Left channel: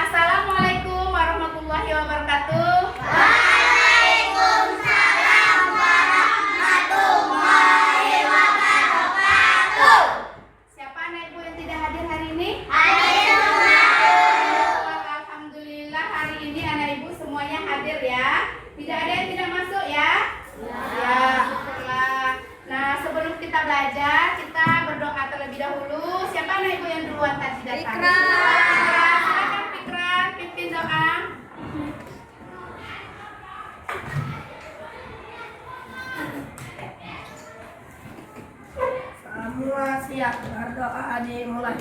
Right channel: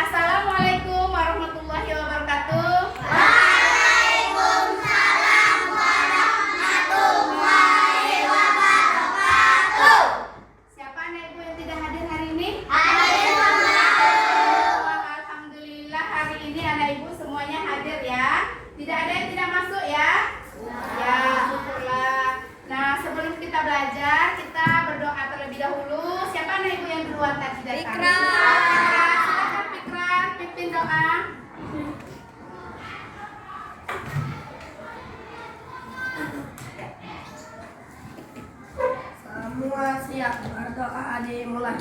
Assalamualaikum warahmatullahi wabarakatuh. Waalaikumsalam warahmatullahi wabarakatuh. Siapa anak ibu yang tidak hadir hari ini? Alhamdulillah hari ini anak ibu semuanya hadir ya. Tidak ada yang tidak masuk ya? Ya, syukurlah. Nah, sebelum kita belajar, kita berdoa terlebih dahulu. Siapa anak ibu yang duluan tadi datang? Fikran. Silakan Fikran, pimpin doa. Semua siap, berdoa dimulai.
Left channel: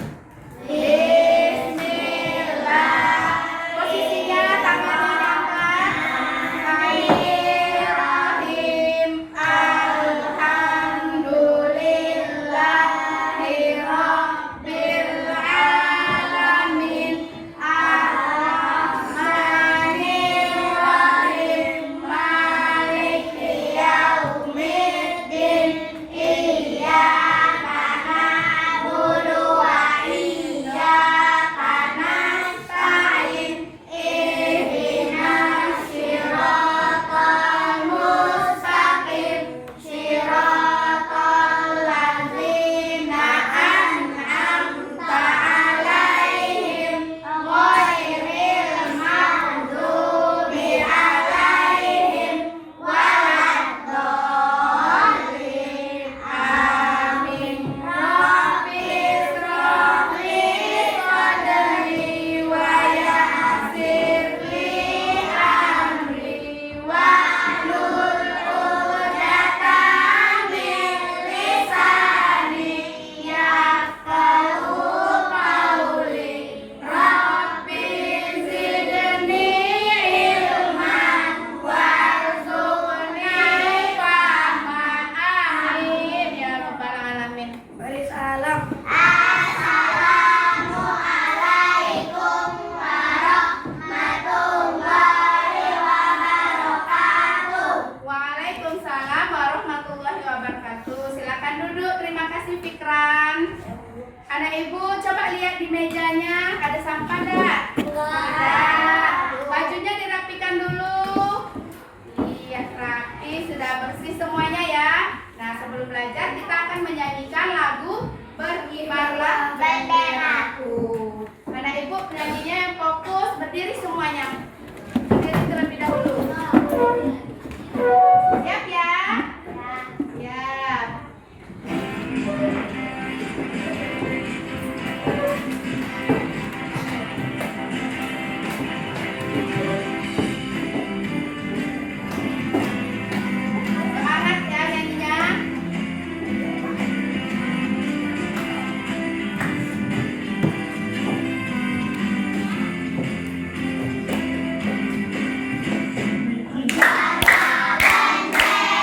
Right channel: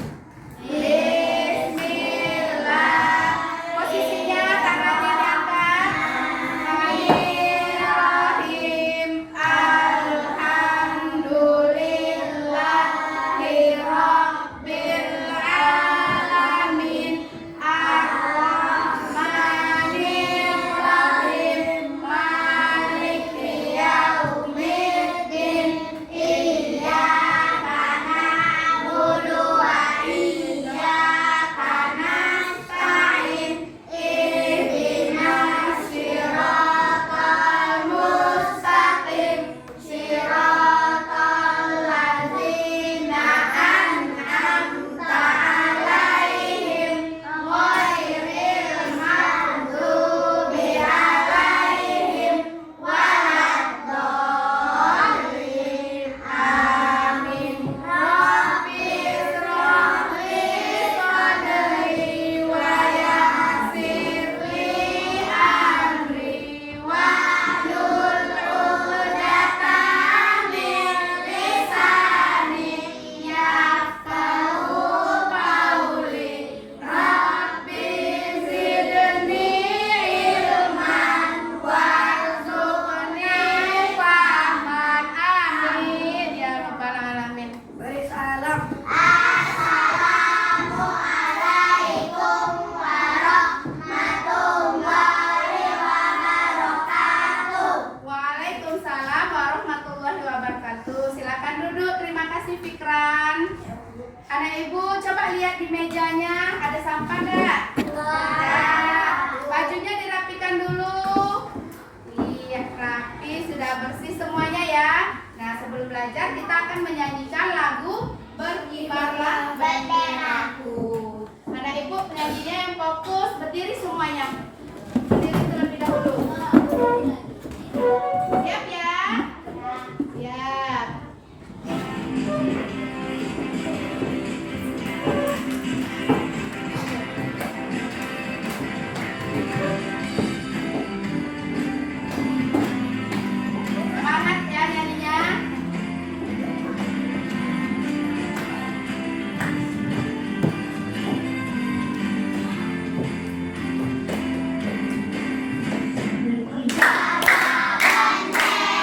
Bismillah. Posisinya tangannya diangkat. Bismillahirrahmanirrahim. Alhamdulillahirabbil alamin. Ar-Rahmanirrahim. Maliki yaumiddin. Iyyaka na'budu wa iyyaka nasta'in. Ihdinas siratal mustaqim. Siratal ladzina an'amta 'alaihim ghairil maghdubi 'alaihim waladdallin. Amin. Rabbi shrah li sadri wa yassir li amri wahlul 'uqdatam min lisani yafqahu qawli. Rabbi zidni ilman warzuqni fahman. Amin ya rabbal alamin. Beri salam. Assalamualaikum warahmatullahi wabarakatuh. Waalaikumsalam warahmatullahi wabarakatuh. Silakan duduk. Terima kasih Fikran. Anak ibu coba lihat di mejanya ada sampah enggak? Tidak. Bajunya dirapikan dulu. Iya, rapi, sudah bersih semuanya ya. Nah, sebelum belajar kita akan menyanyikan lagu Berkibarlah Benderaku. Anak ibu penyanyinya yang fokus, berdiri semuanya. Berdiri terlebih dahulu. Siap ya? Siap. Semangat ya nyanyinya. Bendera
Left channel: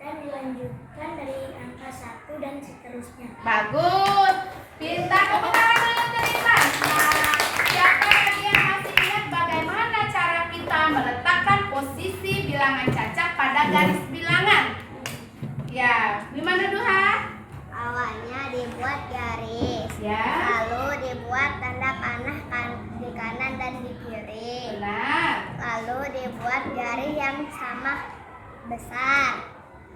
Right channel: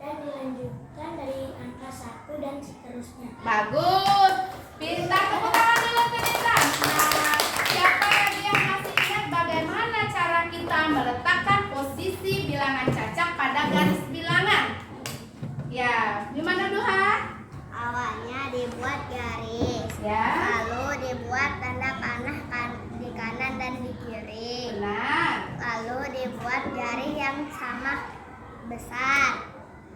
dan dilanjutkan dari angka 1 dan seterusnya. Bagus. Pintar, tepuk tangan dulu untuk Intan. Nah, siapa lagi yang masih ingat bagaimana cara kita meletakkan posisi bilangan cacak pada garis bilangan? Ya, gimana Duha? Awalnya dibuat garis, Ya, lalu dibuat tanda panah di kanan dan di kiri, benar. lalu dibuat garis yang sama besar.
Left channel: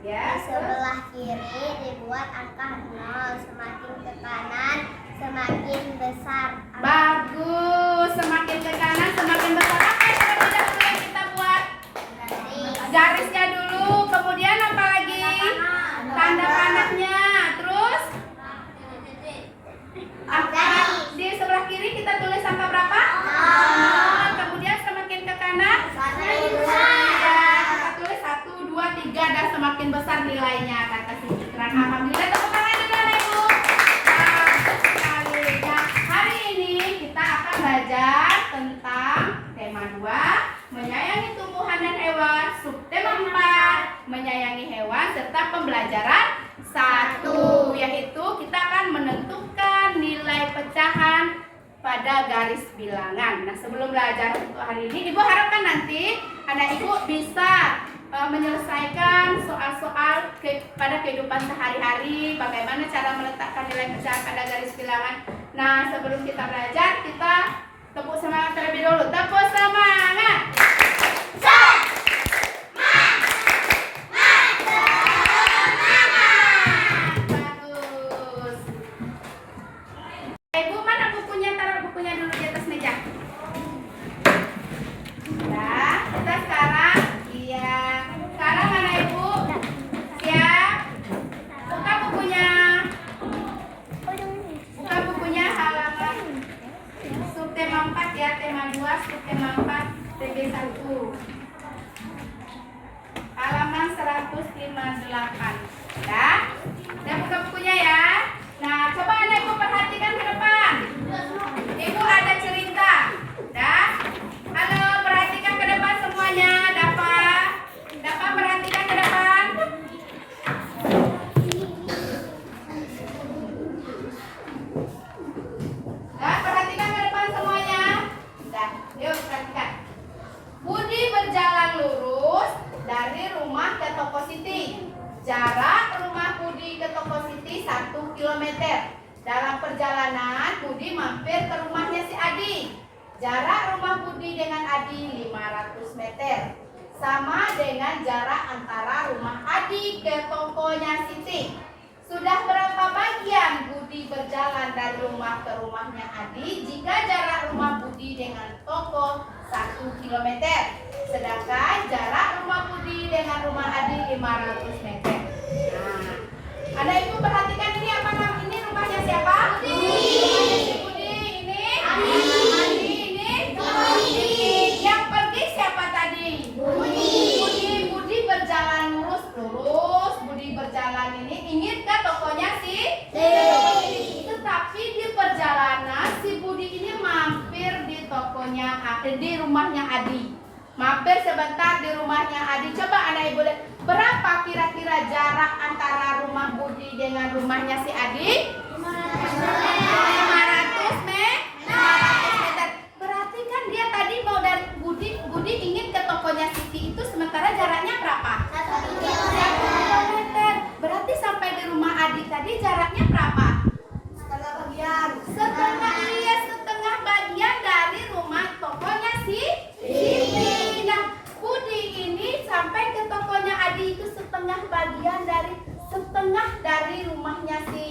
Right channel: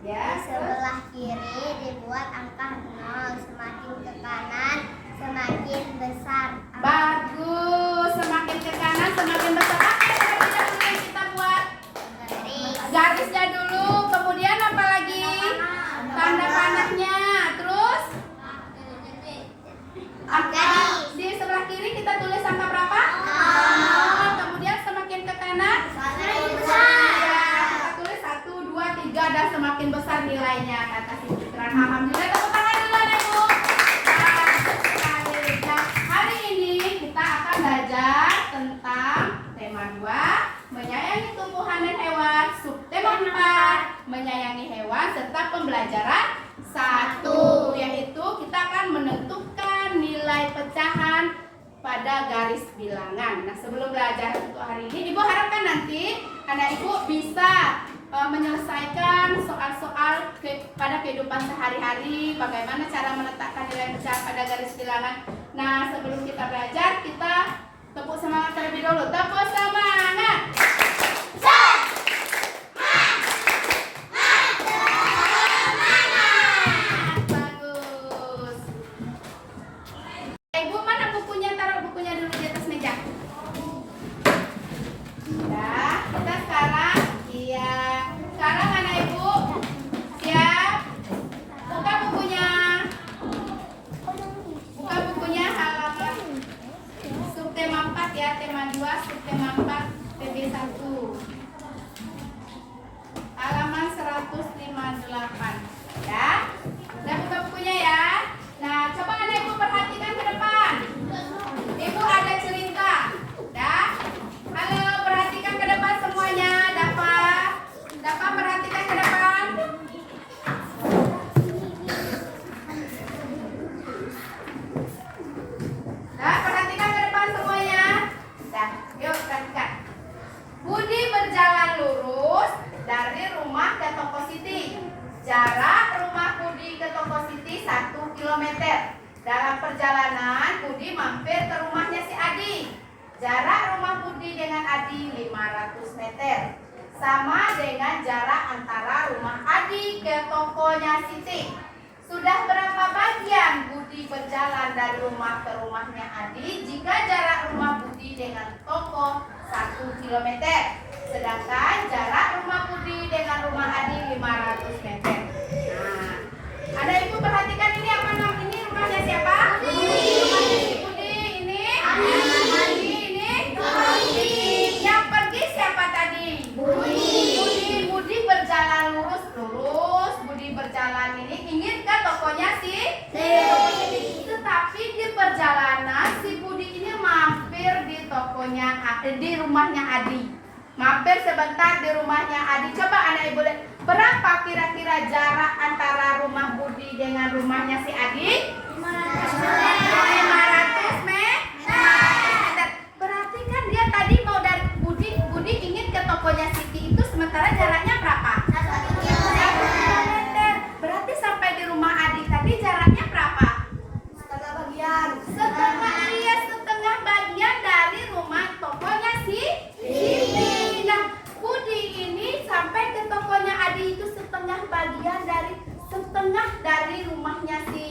Ya, Di sebelah kiri dibuat angka 0, semakin ke kanan semakin besar. bagus. Semakin ke kanan semakin besar. Oke, seperti dahulu yang kita buat. Garisnya dulu, kemudian apa lagi? Tanda panahnya. Terus angka di sebelah kiri kita tulis angka berapa? 0. Kemudian semakin ke kanan ya, kita tulis 1, 2, 3 dan semakin besar nilainya kata si Fikran. Alhamdulillah, tepuk tangan dulu Ibu. Bagus sekali. Nah, hari ini kita akan belajar tentang tema 2, menyayangi tumbuhan dan hewan, subtema 4, menyayangi hewan, serta pembelajaran 1, yaitu kita akan menentukan nilai pecahan pada garis bilangan. Nah, sebelum belajar untuk hari ini, Ibu harapkan nanti anak Ibu bisa menyelesaikan soal-soal pada kehidupan sehari-hari, bagaimana cara meletakkan nilai pecahan pada garis bilangan. Nah, sebelum kita belajar, kita tepuk semangat terlebih dahulu. Tepuk semangat. Bagus. Ibu, mana bukunya? Taruh bukunya dulu di atas meja. Ya, kita sekarang, iya. Sekarang mana Ibu? Siap? Buka bukunya. Buka bukunya halaman subtema 4 ya, tema 2, subtema 4, TB 1. Halaman 158. Ya. Dan buka bukunya ya. Nah, coba anak Ibu perhatikan ke depan. Ibu ada cerita. Ya. Halo, perhatikan ke depan semuanya. Dapat perhatikan ke depan. Nah, perhatikan ke depan semuanya. Dah, yuk perhatikan. Budi berjalan lurus dari rumah ke toko Siti. Jarak rumah Budi ke toko Siti 1 km. Dalam perjalanan, Budi mampir ke rumahnya si Adi. Jarak rumah Budi dengan Adi 500 meter. Sama dengan jarak antara rumah Adi ke tokonya Siti. Sudah berapa bagian Budi berjalan dari rumah ke rumahnya Adi jika jarak rumah Budi dengan toko 1 km? Sedangkan jarak rumah Budi dengan rumah Adi 500 meter. Nah, ada Ibu perhatikan ini apa namanya? Ini rumahnya siapa? Budi. Rumahnya si Budi. Ini Adi. Ini Budi. Yang pergi siapa tadi? Budi berjalan lurus. Budi berjalan ini ingin ke tokonya si tetapi di perjalanan si Budi ini mampir di tokonya di rumahnya Adi. Mampir sebentar di rumahnya Adi. Coba anak Ibu lihat, berapa kira-kira jarak antara rumah Budi dengan rumahnya si Adi? 500 meter. Berarti kan dia tadi mau dari Budi ingin ke tokonya Siti itu, sementara jaraknya berapa? 1 kilometer. Berarti sampai di rumah Adi tadi jaraknya berapa? Setengah bagian dari rumah tokonya si Siti. Nah, Budi ini sampai ke tokonya Adi itu setengah dari rumahnya si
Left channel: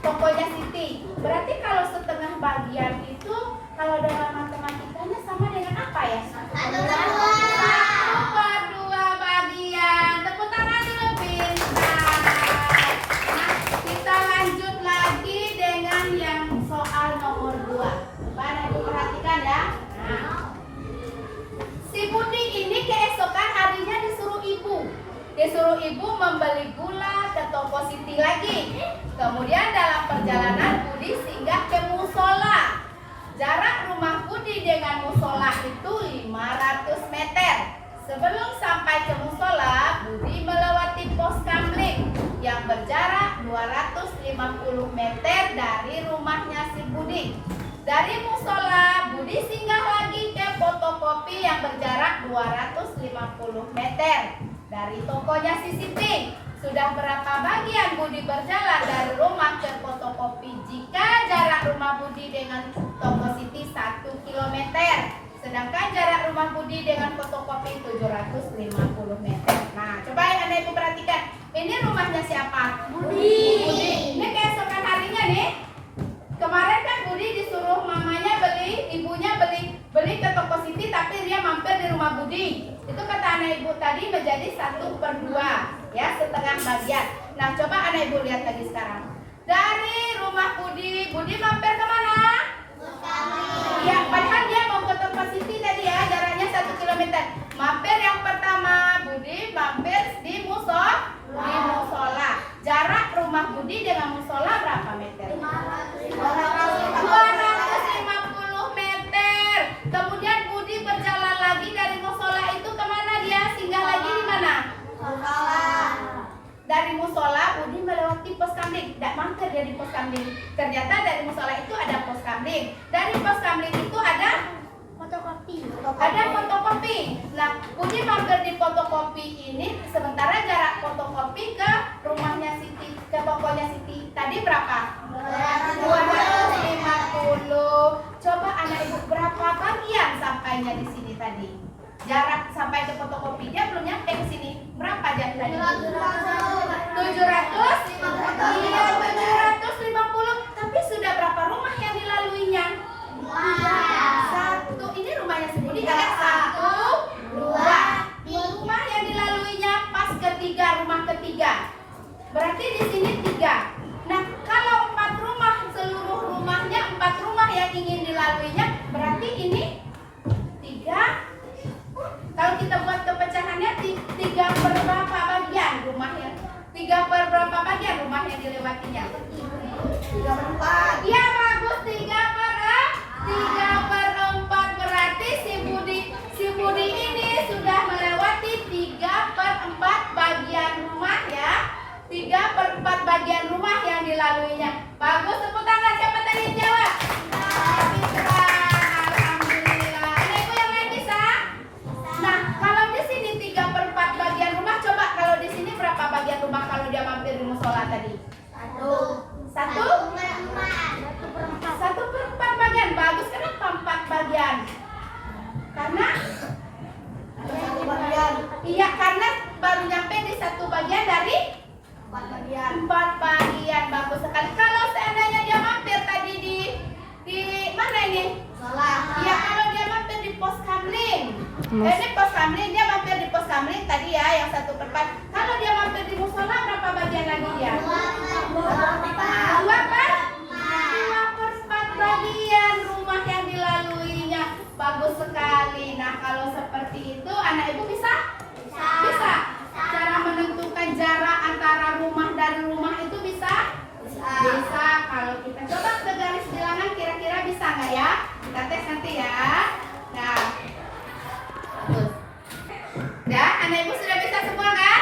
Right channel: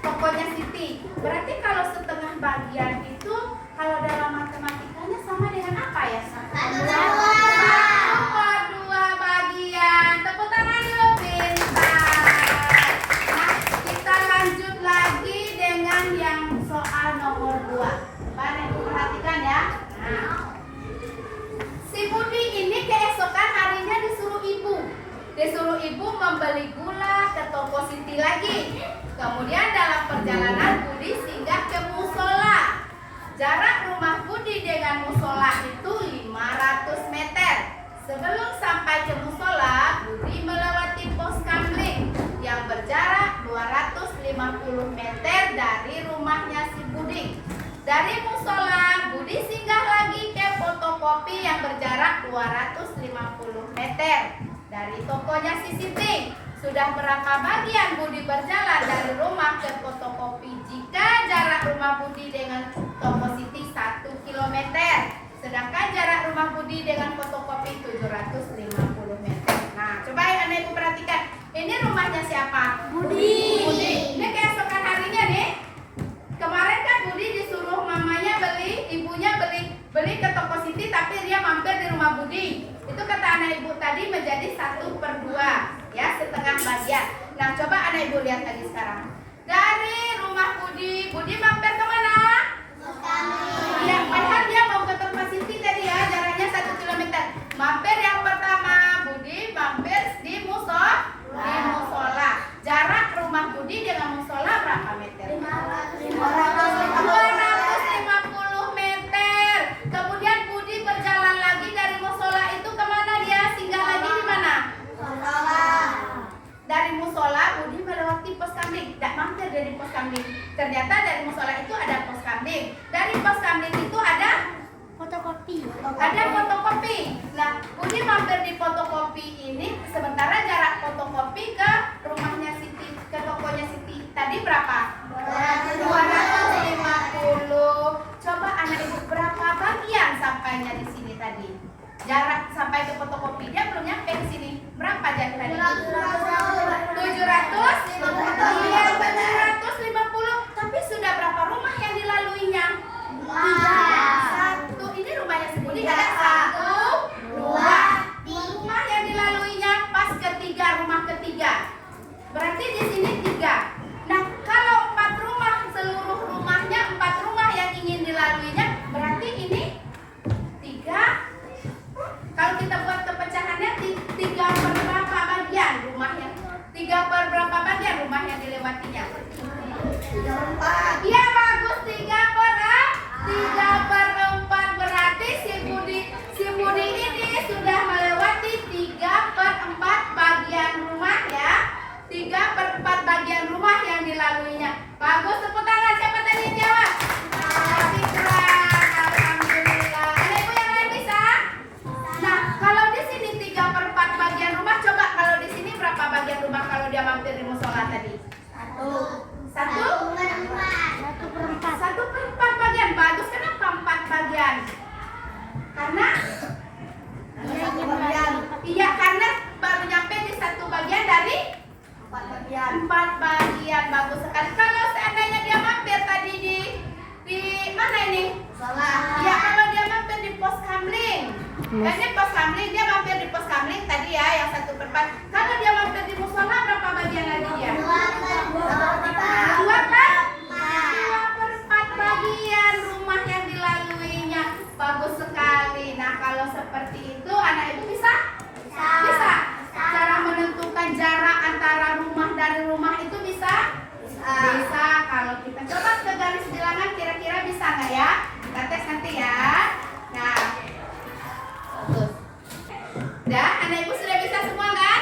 tokonya Siti. Berarti kalau setengah bagian itu, kalau dalam matematikanya sama dengan apa ya? 1/2 bagian. Tepuk tangan dulu, pintar. Nah, kita lanjut lagi dengan yang soal nomor 2. Coba Ibu perhatikan ya. Nah, si Budi ini keesokan harinya disuruh ibu membeli gula ke toko Siti lagi. Kemudian dalam perjalanan Budi singgah ke musola. Jarak rumah Budi dengan musola itu 500 meter. Sebelum sampai ke musola, Budi melewati pos kamling yang berjarak 250 meter dari rumahnya si Budi. Dari musola, Budi singgah lagi ke fotokopi yang berjarak 250 meter dari tokonya si Siti. Sudah berapa bagian Budi berjalan dari rumah ke fotokopi jika jarak rumah Budi dengan toko Siti 1 km? Sedangkan jarak rumah Budi dengan fotokopi 750 meter. Nah, coba Anda Ibu perhatikan. Ini rumahnya siapa? Budi. Ini keesokan harinya nih. Kemarin kan Budi disuruh mamanya ibunya beli ke toko Siti, tapi dia mampir di rumah Budi. Itu kata anak Ibu tadi menjadi 1/2, ya, setengah bagian. Nah, coba anak Ibu lihat tadi sekarang. Dari rumah Budi mampir kemana? Ya, padahal dia mau ke toko Siti tadi ya, jaraknya 1 km. Mampir yang pertama, Budi mampir di musola. Jarak rumah Budi dengan musola berapa meter? 250 meter. Kemudian Budi berjalan lagi dari musola itu kemana dia? Singgah lagi di mana? Dari musola Budi melewati pos kamling. Tidak mampir dia di pos kamling. Ternyata dari musola itu ada pos kamling. Dari pos kamling itu ada fotokopi. Nah, Budi mampir di fotokopi ini, sementara jarak fotokopi ke rumahnya Siti, ke tokonya Siti tadi berapa? 250. Coba anak Ibu berapa bagian sampainya di sini tadi? Jarak sampai ke fotokopi dia belum nyampe ke sini. Berapa jarak tadi? 700? Iya, 750. Tapi sudah berapa rumah yang dilaluinya? 1. Ini rumahnya si Budi ada 1, 2. 2 rumah yang dilaluinya pas rumah ketiga. Berarti di sini 3. Nah, kalau 4 rumah, seluruh rumahnya 4 rumah yang ingin dilaluinya, berarti ini 3. Kalau kita buat kepecahannya 3 per berapa bagian rumahnya? 3 per berapa bagian rumah yang dilewatinya? 3/4. Iya, bagus, 3/4. Berarti si Budi ini sudah melewati 3/4 bagian rumah ya. 3/4 bagian rumah yang dilaluinya. Bagus, tepuk tangan. Siapa tadi yang jawab? Fitra. Alhamdulillah. Ada Ibu yang lain bisa? Nah, kalau di sini 3/4 bagian rumah, coba kalau di sini berapa bagian rumah kalau dia mampir di musola tadi? 1/4 bagian. Bagus, kenapa 4 bagian? Karena iya, karena baru nyampe di 1 bagian dari 4 bagian. Bagus sekali. Kalau seandainya dia mampir tadi di mana ini? Ya, kalau dia mampir di pos kamling. Ini pos kamling, dia mampir di pos kamling tadi ya, yang 1/4. Kalau dia mampir di musola berapa bagian lagi dia? 2/4 bagian rumah yang dilaluinya. Bagus sekali. Nah, kalau seperti itu anak Ibu bisa? Cara menentukan jarak antara rumah dari rumah itu bisa? Bisa. Kalau kita coba ke garis bilangan, kira-kira bisa nggak ya? Kita tes nanti ya. Nah, bagus. Ya, anak Ibu sudah bisa semua kan?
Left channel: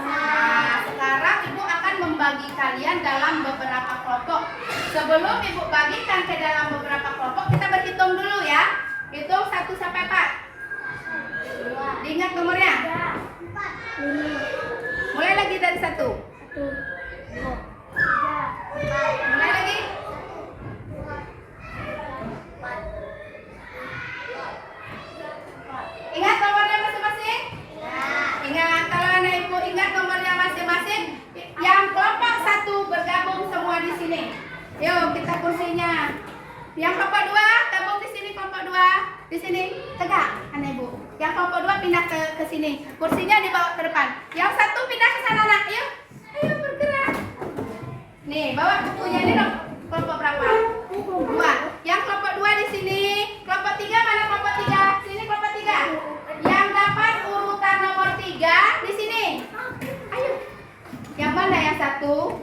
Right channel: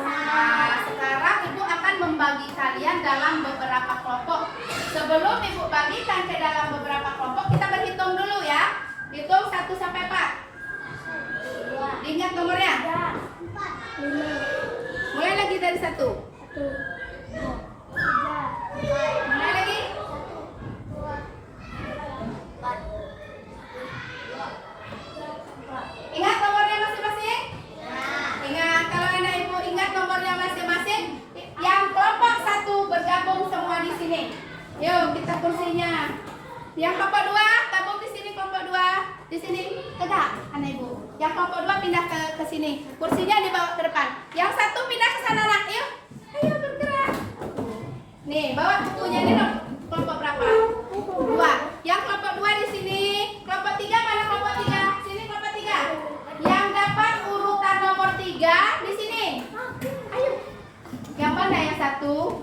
Nah, sekarang Ibu akan membagi kalian dalam beberapa kelompok. Sebelum Ibu bagikan ke dalam beberapa kelompok, kita berhitung dulu ya. Hitung 1 sampai 4. Diingat nomornya? 5. Mulai lagi dari 1. 1, 2, 3, 4. Mulai lagi. 4. Ingat nomornya masing-masing? Ingat, kalau anak Ibu ingat nomornya masing-masing, yang kelompok 1 bergabung semua di sini. Yuk, kita kursinya. Yang kelompok 2 gabung di sini, kelompok 2 di sini tegak, anak Ibu. Yang kelompok 2 pindah ke sini. Kursinya dibawa ke depan. Yang 1 pindah ke sana, nak. Ayo bergerak. Nih, bawa bukunya ini dong. Kelompok berapa? 2. Yang kelompok 2 di sini. Kelompok 3 mana kelompok 3? Sini kelompok 3. Yang dapat urutan nomor 3 di sini. Ayo. Yang mana yang 1?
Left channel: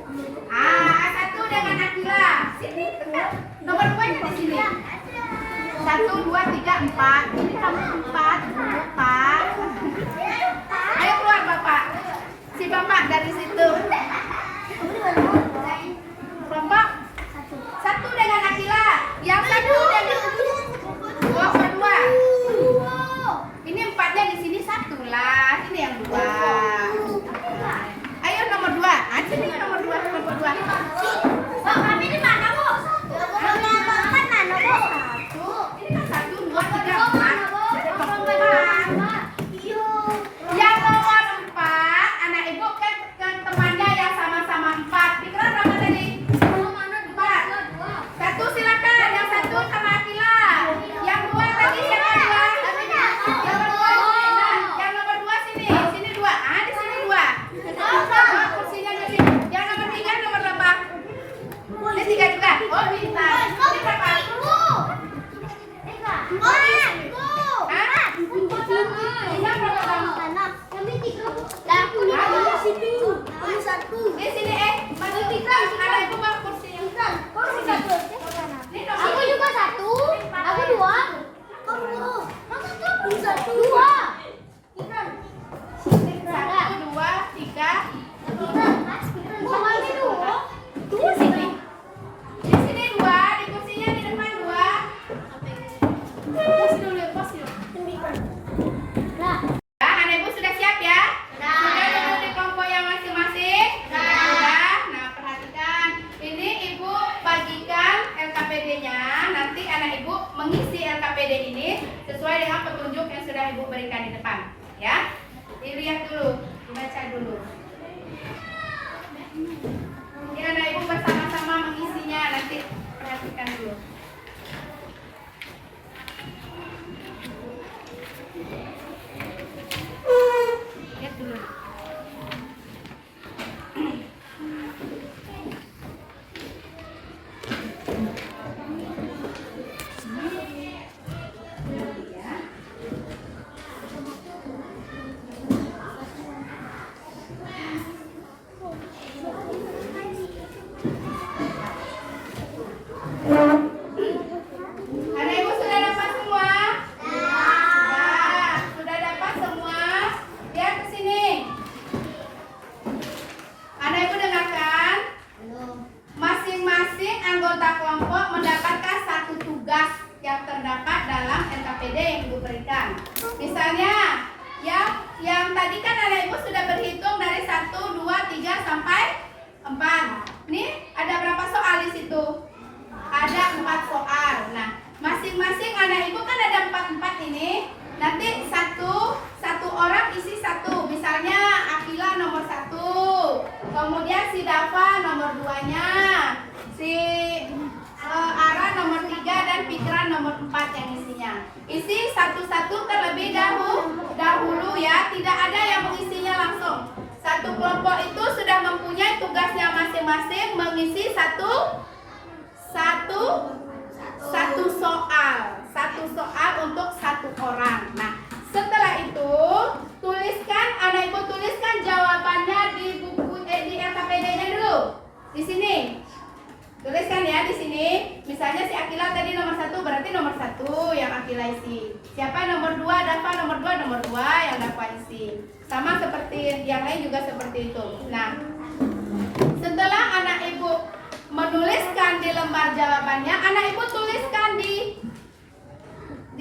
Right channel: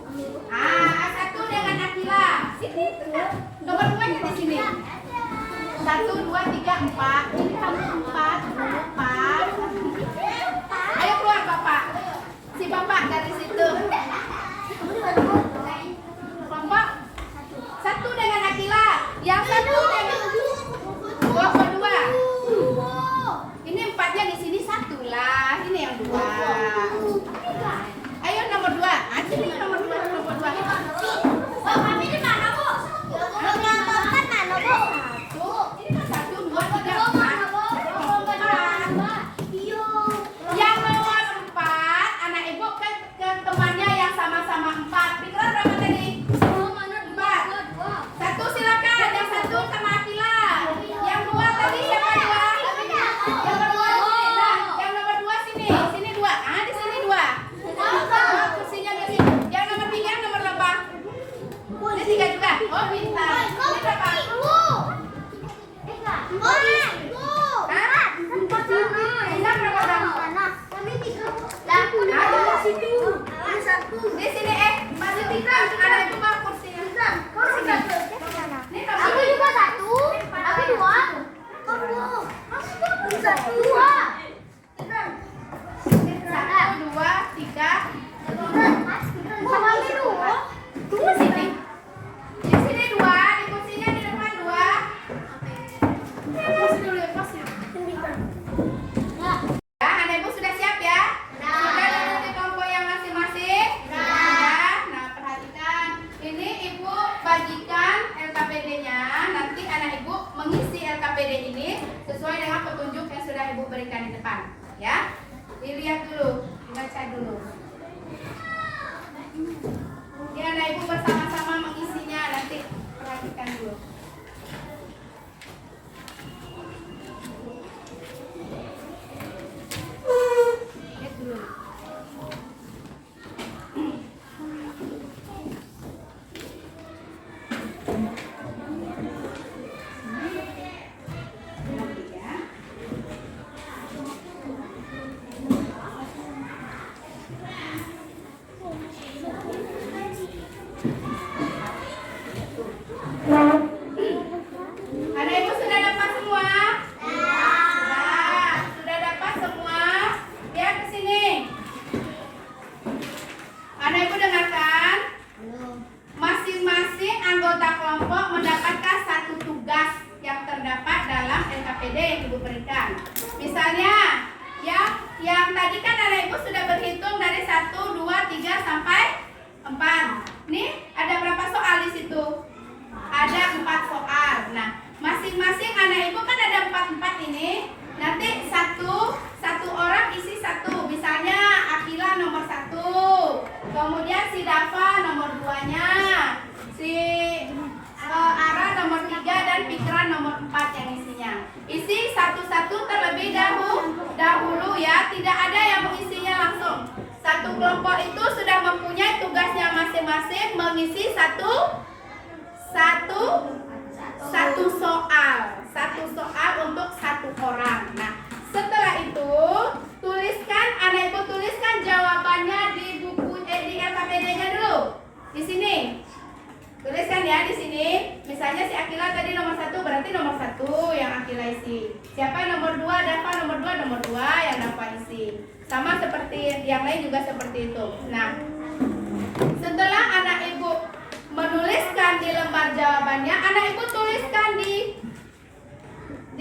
A1 dengan Akila. Sini tegak. Nomor 2 nya di sini. 1, 2, 3, 4. Ini kamu 4, 4. Ayo keluar Bapak. Si Bapak dari situ. Kelompok 1 dengan Akila. Yang 1 dengan kelompok 2. Ini 4-nya di sini 1 lah. Ini yang 2. Ayo nomor 2. Sini nomor 2, kelompok 2. Kami di mana, Bu? Kami kan mana, Bu? 1. Ini kan 1, 2, 3, 4. Yang nomor 4, anak ibu ke temannya yang sama-sama 4. Dikeluar berapa tadi? 4. 1 silakan. Yang 1 sama Akila. Yang 2 tadi siapa 2? Yang nomor 2. Nah, yang nomor 2 sini. Sini 2. Di sini 2. Kursinya di sini. Yang nomor 3 nomor berapa? Ini 3 juga. Oh, bintang. Ini berapa? Bintang berapa kamu? Di sini masih 3. Ada ibu mau kursinya. Ini nomor Aku juga 1. Aku 2. Masa tuh 2? 1, 2, 3. Kami 2. 2 sini. Di sini 2, di kursinya di depan 2. Pos dulu, pos dulu. Nah, Ya, anak ibu sudah siap ya? Sudah duduk di kelompok yang masing-masing? Sudah. Nah, perhatikan. Ini ibu bagikan LKPD-nya. Nanti anak ibu mengisi LKPD ini sesuai dengan petunjuk yang sudah ibu berikan di depan. Ya, dilihat dulu, dibaca dulu. Ini anak ibu bersama-sama mengisinya. Nanti perhatikan dulu. Lihat dulu. Anak ibu sudah dapat semua? Sudah dapat semua? Lihat ke sini. Anak ibu dengarkan. Masing-masing anggota kelompok mendapatkan satu tugas yang terdapat dalam LKPD yang ibu berikan. Misalnya, yang tadi kan anak ibu sudah berhitung dari 1, 2, 3 sampai 4. Nih, ada berapa soal di situ? Ada 4 soal. Nah, masing-masing anak ibu kan ada 4 ini. Nanti satu orang isi 1. Misalnya Akila nomor 1. Kemudian si Dava nomor 2-nya. Si Ara nomor 3 dan Pikiran nomor 4 yang isinya. Isi satu-satu terlebih dahulu ya. Tidak ada yang mengisinya langsung. Satu kelompok itu sudah mempunyai tugasnya masing-masing mengisi satu soal untuk 1 orang. Nah, setelah itu anak ibu tuliskan jawabannya di buku di LKPD-nya dulu. Di sini. Tuliskan ya di sini. Misalnya si Akila tadi nomor 1, berarti nomor 1 yang Akila isi. Siapa nomor 2? Dava nomor 2, nomor 2 yang Dava isi. Sama seperti yang lain juga seperti itu. Nah, setelah anak ibu menuliskan di lembar jawabannya, anak ibu tuliskan di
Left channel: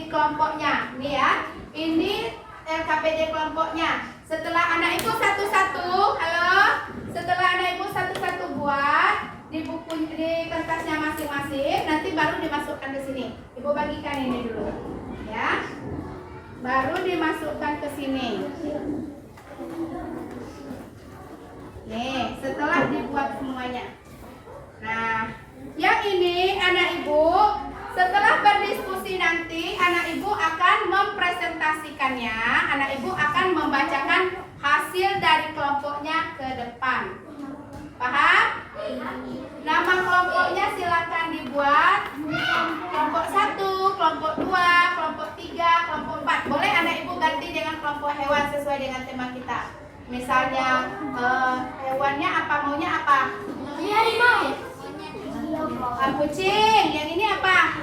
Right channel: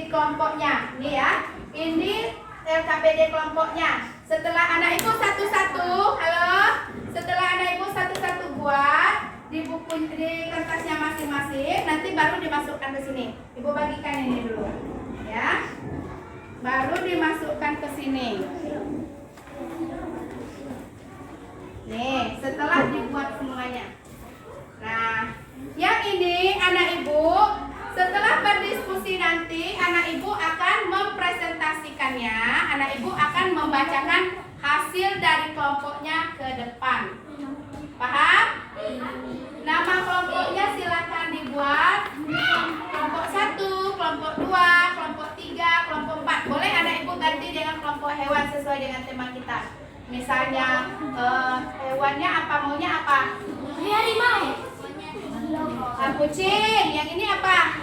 kelompoknya. Nih ya. Ini LKPD kelompoknya. Setelah anak ibu satu-satu, halo. Setelah anak ibu satu-satu buat di kertasnya masing-masing, nanti baru dimasukkan ke sini. Ibu bagikan ini dulu. Ya. Baru dimasukkan ke sini. Nih, setelah dibuat semuanya. Nah, yang ini anak ibu setelah berdiskusi nanti anak ibu akan mempresentasikannya. Anak ibu akan membacakan hasil dari kelompoknya ke depan. Paham? Nama kelompoknya silakan dibuat. Kelompok 1, kelompok 2, kelompok 3, kelompok 4. Boleh anak ibu ganti dengan kelompok hewan sesuai dengan tema kita. Misalnya hewannya apa, maunya apa? harimau. Kucing. Yang ini apa?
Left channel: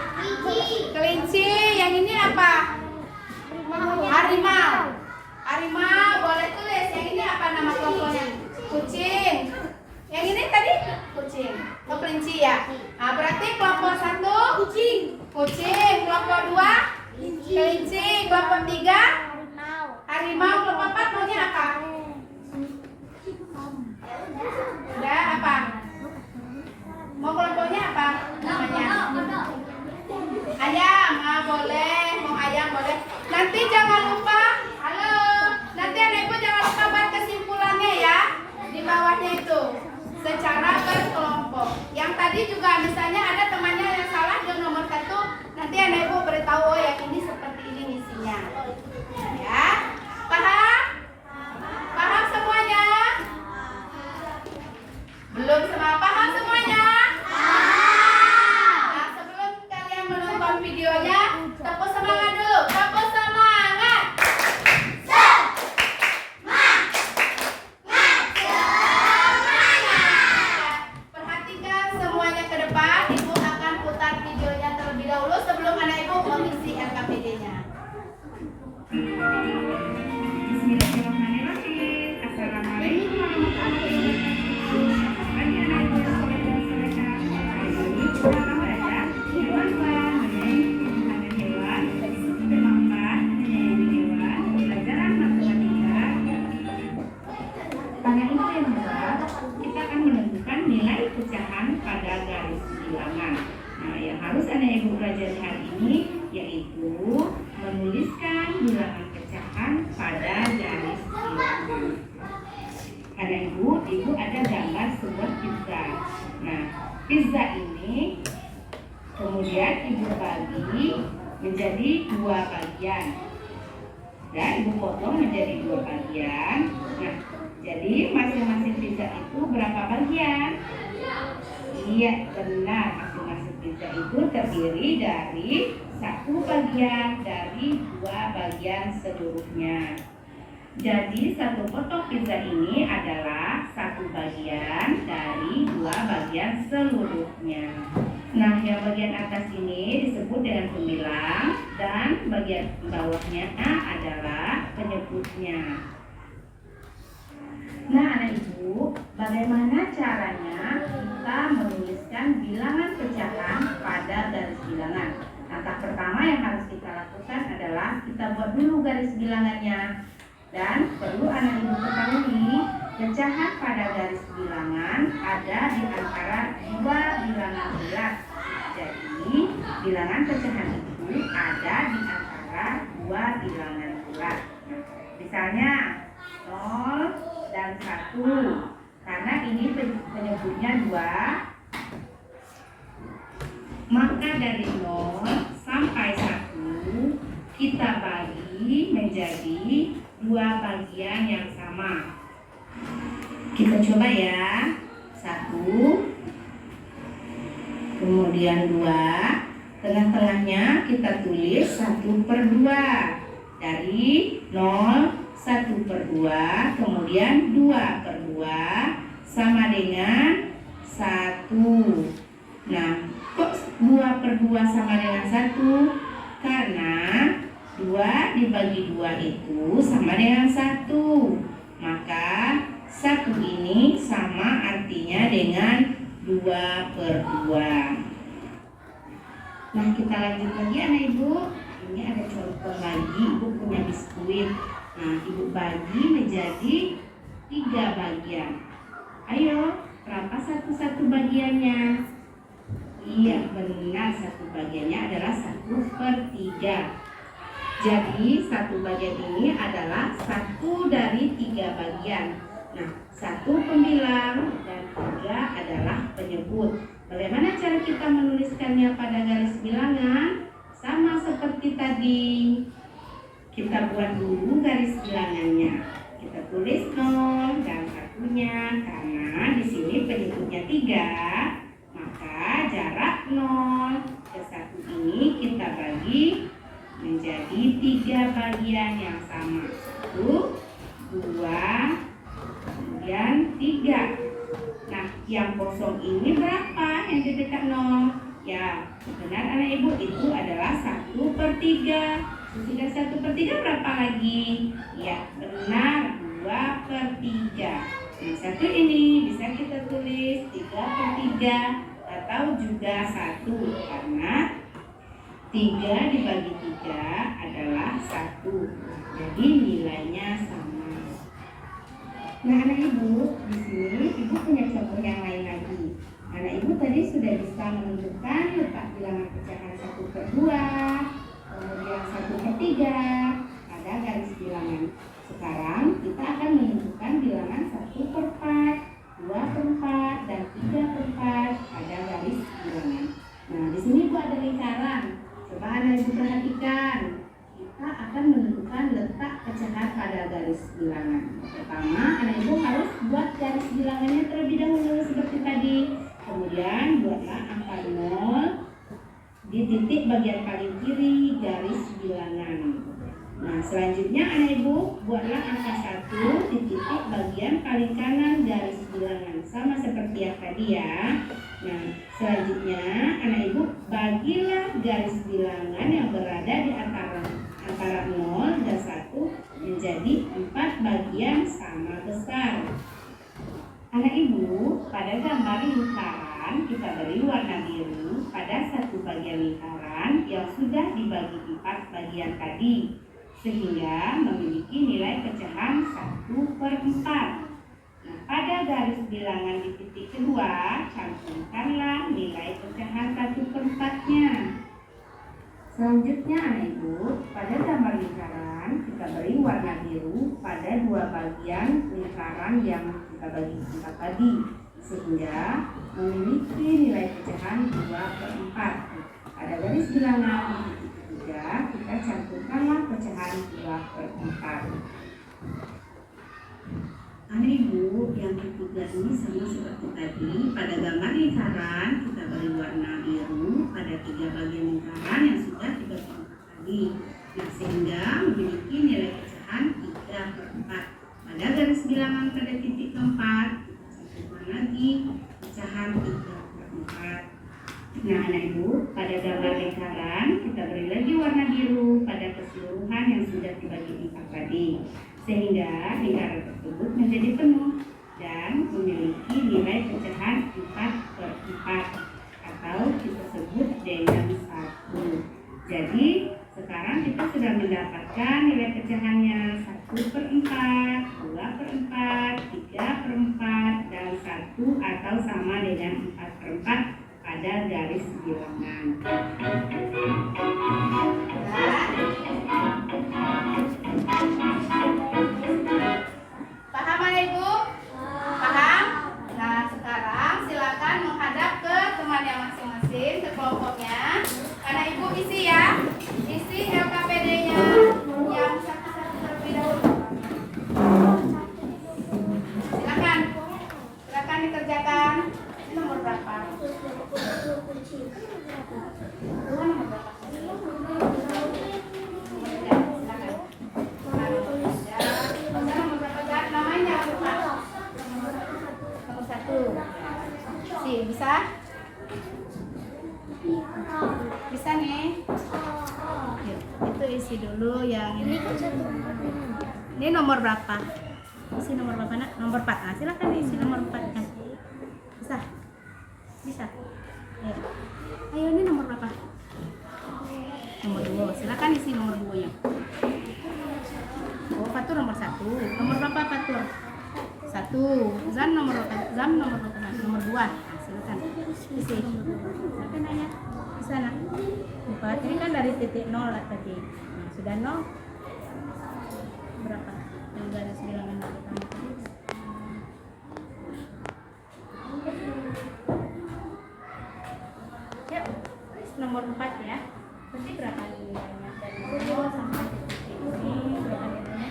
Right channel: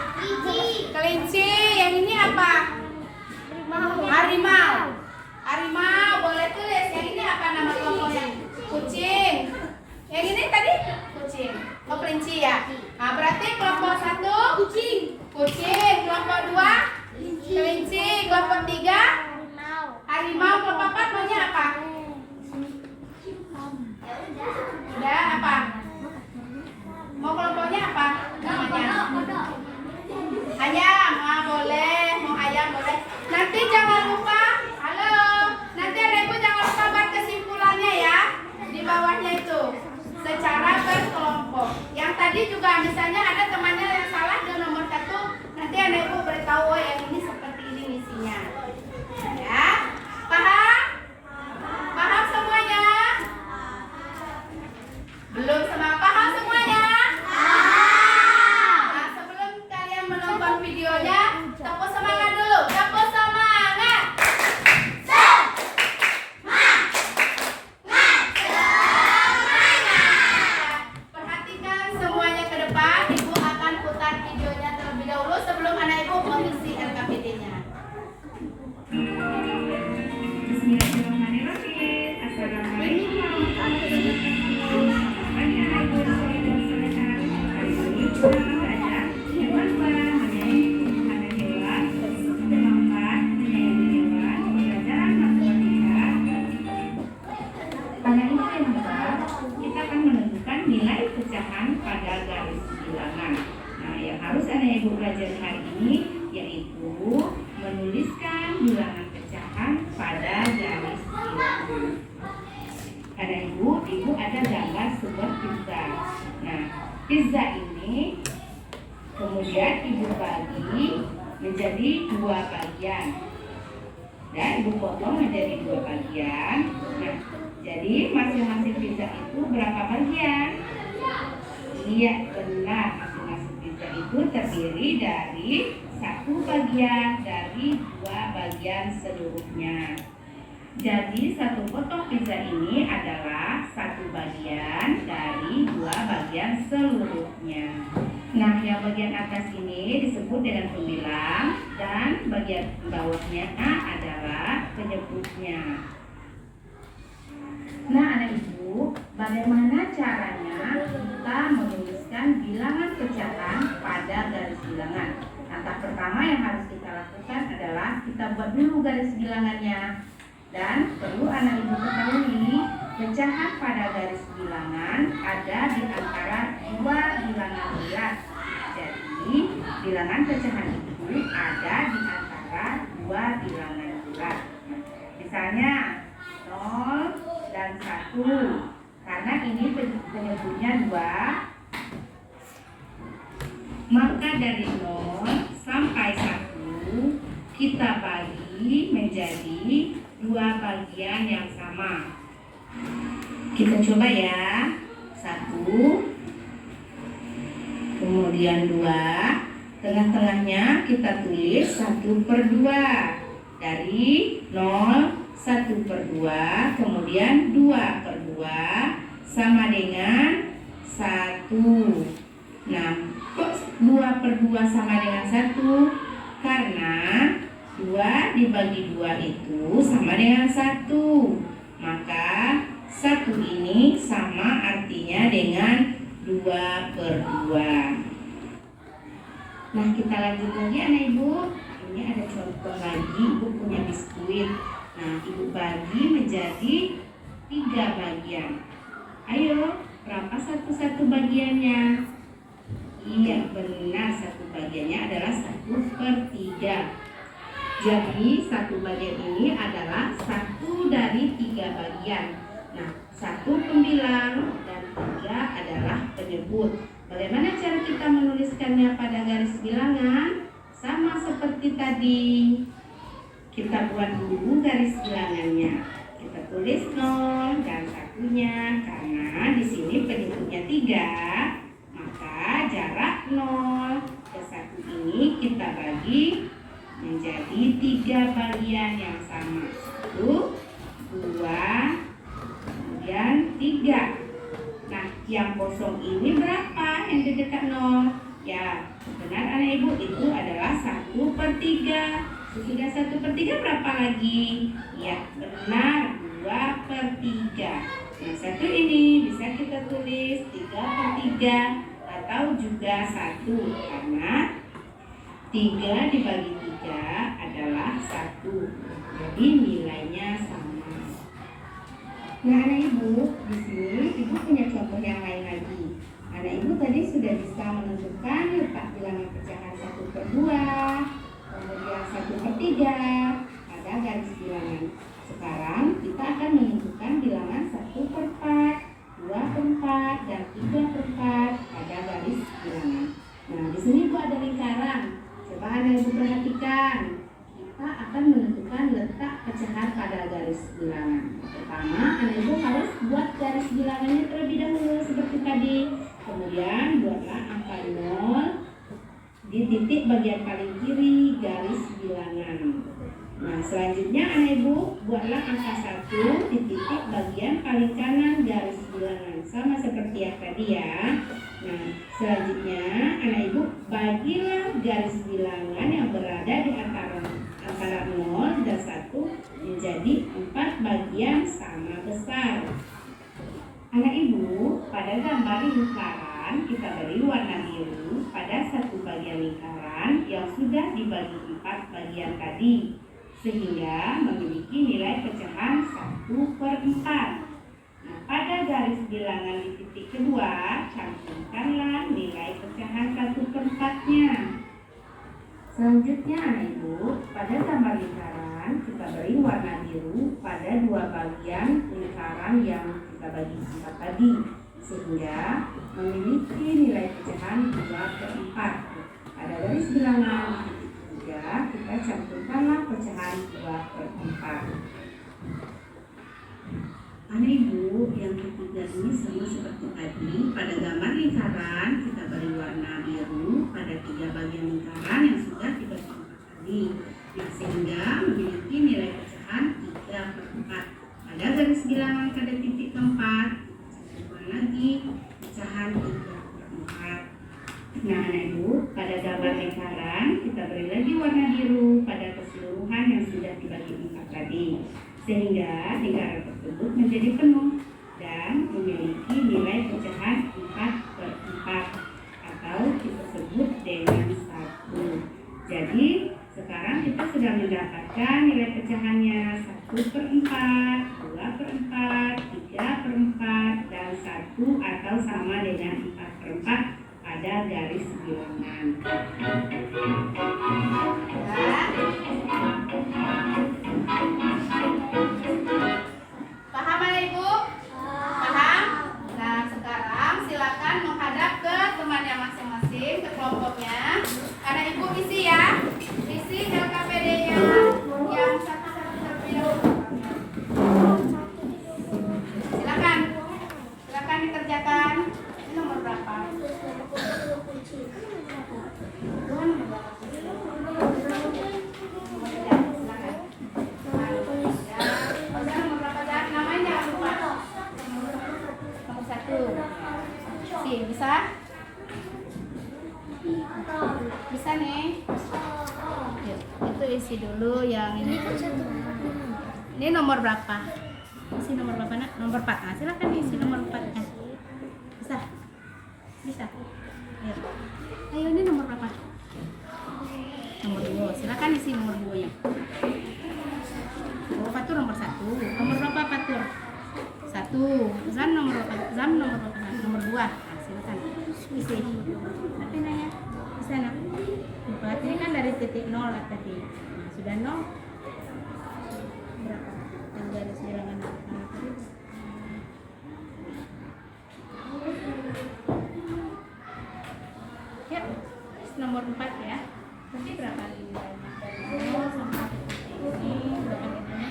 Kelinci. Yang ini apa? Harimau. Harimau. Boleh tulis. Yang ini apa nama kelompoknya? Kucing. Yang ini tadi kucing. Oh, kelinci ya. Nah, berarti kelompok 1 kucing. Kelompok 2 kelinci. Kelompok 3 harimau. Kelompok 4 maunya apa? Udah apa? Mau kelompoknya apa namanya? Ayam. Ah, boleh. Mau ayam boleh. Nanti jangan lupa. Halo. Nanti anak ibu jangan lupa buat kesimpulannya ya. Di bawahnya itu. Secara berkelompok. Yang tadi juga misalnya ada temannya yang salah di nomor 1. Nanti anak ibu beritahu, oh yang ini seperti ini misinya. Ya. Paham? Paham semuanya? Belum semua paham semuanya? Nah, sebelum kalian menonton videonya, tepuk semangat dulu. Tepuk semangat. Perhatikan semuanya ke depan. Ibu akan putar videonya terlebih dahulu sebelum anak ibu mengisi LKPD-nya. Bismillahirrahmanirrahim. Assalamualaikum warahmatullahi wabarakatuh. Selamat pagi anak ibu dan saudara. Hari ini kita akan belajar hewan menyayangi ada hewan, tema 4 menyayangi hewan, pelajaran matematika. Pada info yang hebat, kita akan menentukan nilai pecahan pada garis bilangan. Nah, yang harus anak ibu pelajari hari ini yaitu menuliskan bilangan pecahan pada garis bilangan. Ada ibu ada gambar sebuah pizza. Nah, pizza ini kemudian ibu bagi menjadi 2 bagian. Dan ibu potong menjadi 2 bagian. Nah, jadi masing-masing pizza itu berapa bagian? Iya, benar. Masing-masing pizza itu terdiri dari 1 bagian dari 2 bagian seluruhnya. Jadi 1 potong pizza ini adalah 1 bagian dari 2 bagian seluruhnya. Nah, yang bagian atas ini disebut dengan pembilang dan bagian bawahnya adalah penyebutnya. Nah, anak ibu, bagaimana caranya kita menuliskan bilangan pecahan pada garis bilangan? Langkah pertama yang harus kita lakukan adalah kita buat dulu garis bilangannya. Dan perlu anak ibu ketahui, pecahan pada garis bilangan ada di antara 2 bilangan bulat. Jadi, bilangan pecahan itu ada di antara 2 bilangan bulat. Misalnya 0 dan 1. Karena ini penyebutnya 2, maka dari 0 sampai 1 kita bagi menjadi 2 bagian yang sama. Kita coba ya. 1, kemudian 2, tengah-tengahnya kita tulis 1/2. Dari 0, 1/2, kemudian 2/2 sama dengan 1. Nah, kok 2/2 sama dengan 1? Karena 2 dibagi 2 itu sama dengan 1. Maka 1 ini sama artinya dengan 2/2. Nah, kita lanjut lagi anak ibu. Ini ada contoh lagi, ibu punya biskuit. Nah, ibu bagi menjadi 3 bagian. Ayo, berapa satu bagiannya? Iya, benar, 1 bagiannya adalah 1/3. Jadi 1 bagian ini adalah 1 dari 3 bagian. Nah, 1 pembilang dan 3 adalah penyebut. Bagaimana cara kita menuliskannya pada garis bilangan? Sama seperti tadi. Kita buat dulu garis bilangannya. Kita tulis 0 dan 1-nya karena di sini penyebutnya 3. Maka jarak 0 ke 1 ini kita bagi menjadi 3 bagian yang sama. 1, 2, kemudian 3. Nah, yang kosong ini berapa yang di dekat 0? Ya, benar anak ibu, itu adalah 1/3. Sudah 1/3 berapa lagi? Ya, benar, 2/3. Nah, satu ini bisa kita tulis 3/3 atau juga 1, karena 3 dibagi 3 adalah 1. Jadi nilainya sama. Nah, anak ibu, di sini ibu punya contoh yang lain lagi. Anak ibu tadi sudah bisa menentukan letak bilangan pecahan 1/2, kemudian 1/3 pada garis bilangan. Sekarang kita akan menentukan bilangan 1/4, 2/4, dan 3/4 pada garis bilangan. Nah, di sini ibu ada lingkaran. Coba anak ibu perhatikan. Kita akan menentukan letak pecahan pada garis bilangan. Pertama, anak ibu harus buat garis bilangannya terlebih dahulu seperti tadi. Kemudian buatlah angka 0 di titik bagian paling kiri garis bilangan. Nah, selanjutnya anak ibu buatlah angka 1 di titik bagian paling kanan garis bilangan. Sama seperti yang tadi ya. Nah, selanjutnya anak ibu bagilah garis bilangan yang berada di antara 0 dan 1 menjadi 4 bagian sama besar. Anak ibu, pada gambar lingkaran kita beri warna biru pada satu bagian lingkaran yang sudah dibagi 4 bagian tadi, sehingga memiliki nilai pecahan 1/4. Nah, pada garis bilangan di titik kedua, cantumkanlah nilai pecahan 1/4-nya. Selanjutnya anak ibu, pada gambar lingkaran kita beri warna biru pada 2 bagian lingkaran yang kita bagi 4 tadi, sehingga memiliki nilai pecahan 2/4. Pada garis bilangan di titik 3 kita cantumkanlah pecahan 2/4. Anak ibu, yang ketiga ini sama seperti tadi. Pada gambar lingkaran kita beri warna biru pada 3 bagian lingkaran yang sudah dibagi 4 tadi, nah, sehingga memiliki nilai pecahan 3/4. Pada garis bilangan pada titik keempat kita cantumkan lagi pecahan 3/4. Nah, anak ibu, pada gambar lingkaran kita beri lagi warna biru pada keseluruhan yang sudah dibagi 4 tadi, sehingga lingkaran tersebut menjadi penuh dan memiliki nilai pecahan 4/4 atau kita sebut dengan 1. Jadi sekarang kita sudah mendapatkan nilai pecahannya 1/4, 2/4, 3/4, dan 1 atau sama dengan 4/4 pada garis bilangan. Paham anak ibu? Paham? Nah, sekarang silakan menghadap ke temannya masing-masing, ke kelompoknya. Anak ibu isi ya, isi LKPD-nya yang satu-satu terlebih dahulu. Silakan dikerjakan. Ini nomor berapa? Nomor berapa? Bisa? Bisa nih. Yuk, itu isi dulu yang ini. Ini nomor berapa? Isi nomor berapa nak? Nomor 4. Nah, silakan isi nomor 4 kan. Bisa? Bisa. Yuk. Ayo, ini nomor berapa? Nomor 2. Silakan isi nomor 2-nya. Oh, Fatur nomor 1. Nomor berapa Fatur? 1. Zam nomor berapa? Zam nomor berapa? Nomor 2. Silakan isi. Tapi nanya di sana. Empat ini kan dari titik 0 lah tadi. Nah, sudah 0. Berapa? Yang garis bilangan pertama tadi. Ya, nomor 4 ya. Berarti berapa nilainya? Dari 0 sampai titik ini berapa nilainya?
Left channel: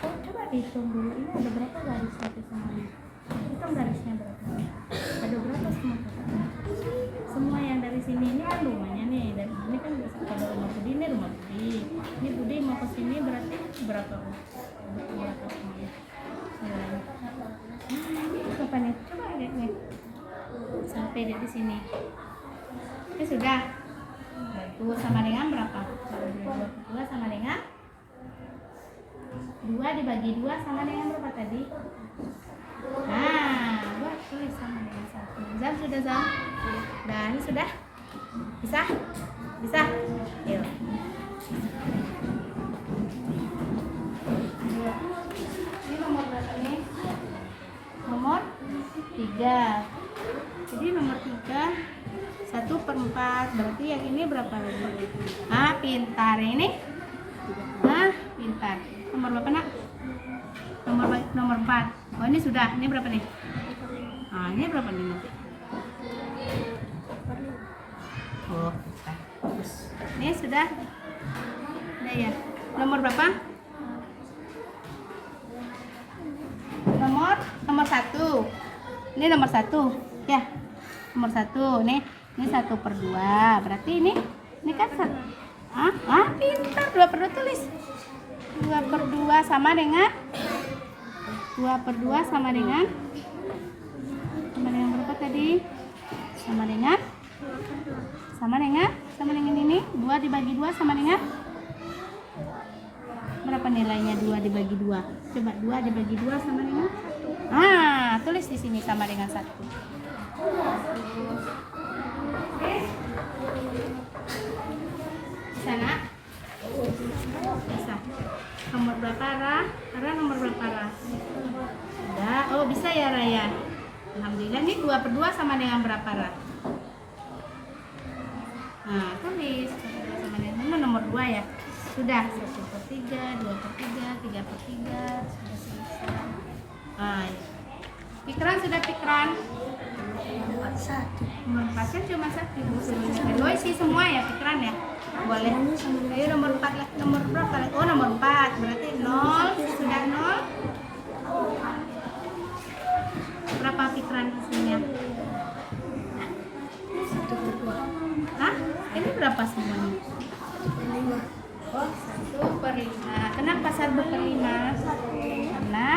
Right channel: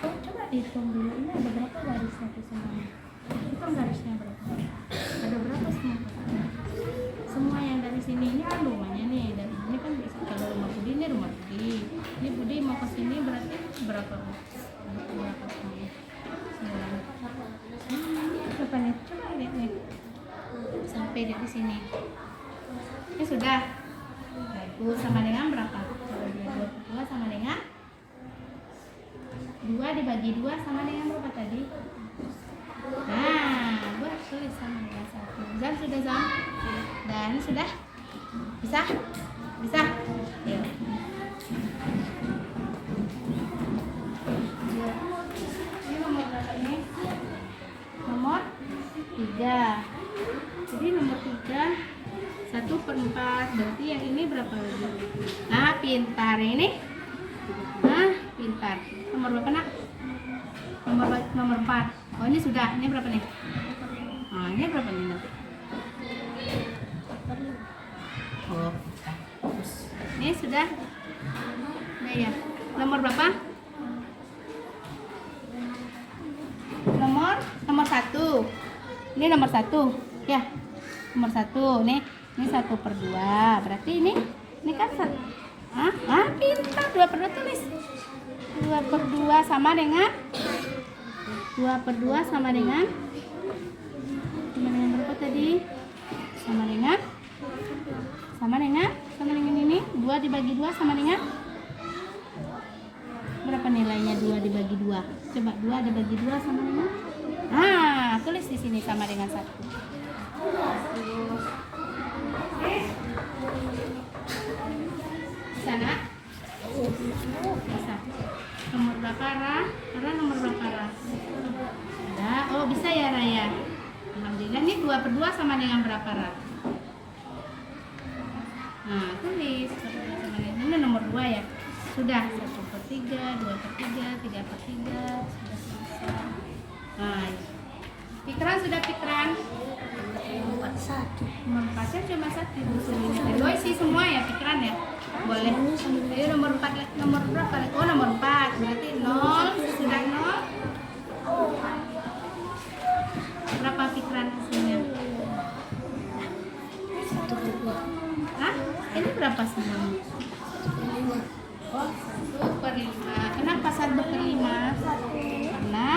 Coba dihitung dulu. Ini ada berapa garis satu sama? Hitung garisnya berapa? Ada berapa semua? Semua yang dari sini ini kan rumahnya nih. Dari sini kan bisa kalau rumah Budi ini rumah Budi. Ini Budi mau ke sini berarti berapa? Berapa semuanya? Berapa nih? Coba lihat nih. pendek di sini. Ini sudah. Bagus, sama dengan berapa? 2 sama dengan 2 dibagi 2 sama dengan berapa tadi? Nah, buat tulis sama dengan 1. Zam sudah Zam? Dan sudah? Bisa? Bisa? Ya. Ini nomor berapa nih? Nomor 3. Jadi nomor 3 1/4, berarti yang ini berapa lagi? Ah, pintar ini. Ah, pintar. Nomor berapa nak? Nomor 4. Oh, ini sudah. Ini berapa nih? Ah, ini berapa nih nanti? Oh, bagus. Ini sudah. Udah ya. Nomor berapa? Nomor 1. Ini nomor 1. Ya. Nomor 1 nih. Ini 1/2. Berarti ini kan 1. Pintar. 2/2 tulis. 2/2 sama dengan 2/2 sama dengan berapa tadi? Sama dengan ini. 2 dibagi 2 sama dengan berapa nilainya 2 dibagi 2? Coba 2 dibagi 2 sama dengan tulis di sini sama dengan 1. Bisa nak? Bisa. Nomor berapa Ra? Ra nomor berapa Ra? Udah. Oh, bisa ya Raya. Alhamdulillah. Ini 2/2 sama dengan berapa Ra? Nah, tulis 2/2 sama dengan ini nomor 2 ya. Sudah. 1/3, 2/3, 3/3. Sudah selesai. Nah, Fikran sudah Fikran? Nomor 4 cuma 1 bukunya. Isi semua ya Fikran ya? Boleh. Ayo nomor 4 lah. Nomor berapa? Oh, nomor 4. Berarti 0. Sudah 0. Berapa Fikran isinya? 1/2. Hah? Ini berapa semuanya? Oh, 1/5. Kenapa 1/5? Karena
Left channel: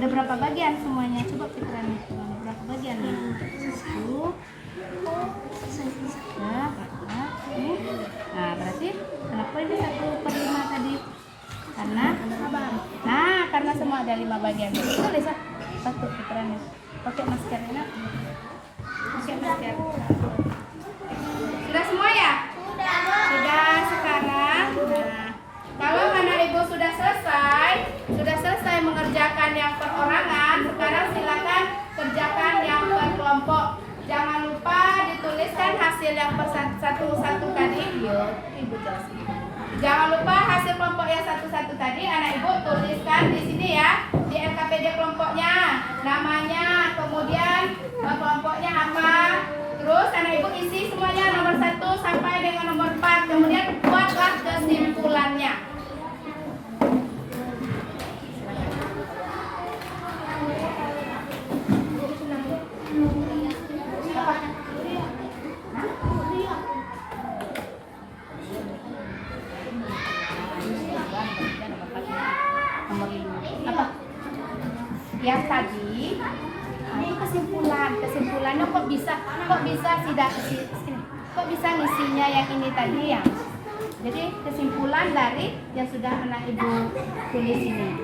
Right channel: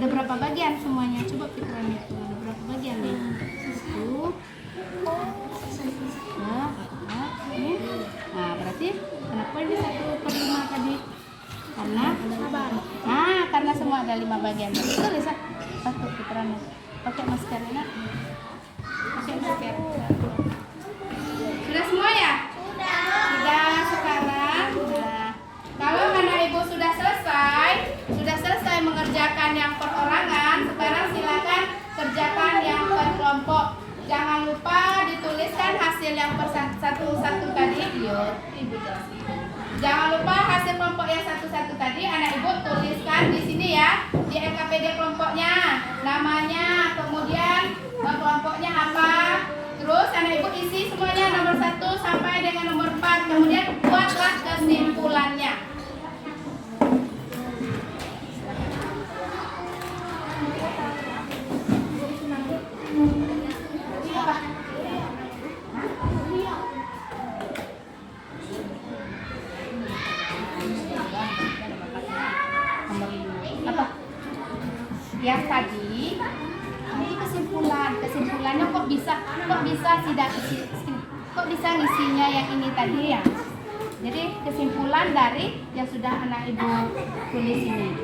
ada berapa bagian semuanya? Coba Fikran itu. Ada berapa bagian nih? 1. Nah, berarti kenapa ini 1/5 tadi? Karena semua ada 5 bagian. Tulis pakai Fikran. Pakai masker ini. Pakai masker. Sudah semua ya? Sudah sekarang. Nah, kalau anak ibu sudah selesai mengerjakan yang perorangan, sekarang silakan kerjakan yang per kelompok. Jangan lupa dituliskan hasil yang per satu-satu tadi. Ibu jelaskan. Jangan lupa hasil kelompok yang satu-satu tadi anak ibu tuliskan di sini ya, di LKPD kelompoknya, namanya, kemudian kelompoknya apa. Terus anak ibu isi semuanya nomor 1 sampai dengan nomor 4. Kemudian buatlah kesimpulannya. Apa? Yang tadi ini kesimpulannya kok bisa ngisinya yang ini tadi ya. Jadi kesimpulan dari yang sudah anak ibu tulis ini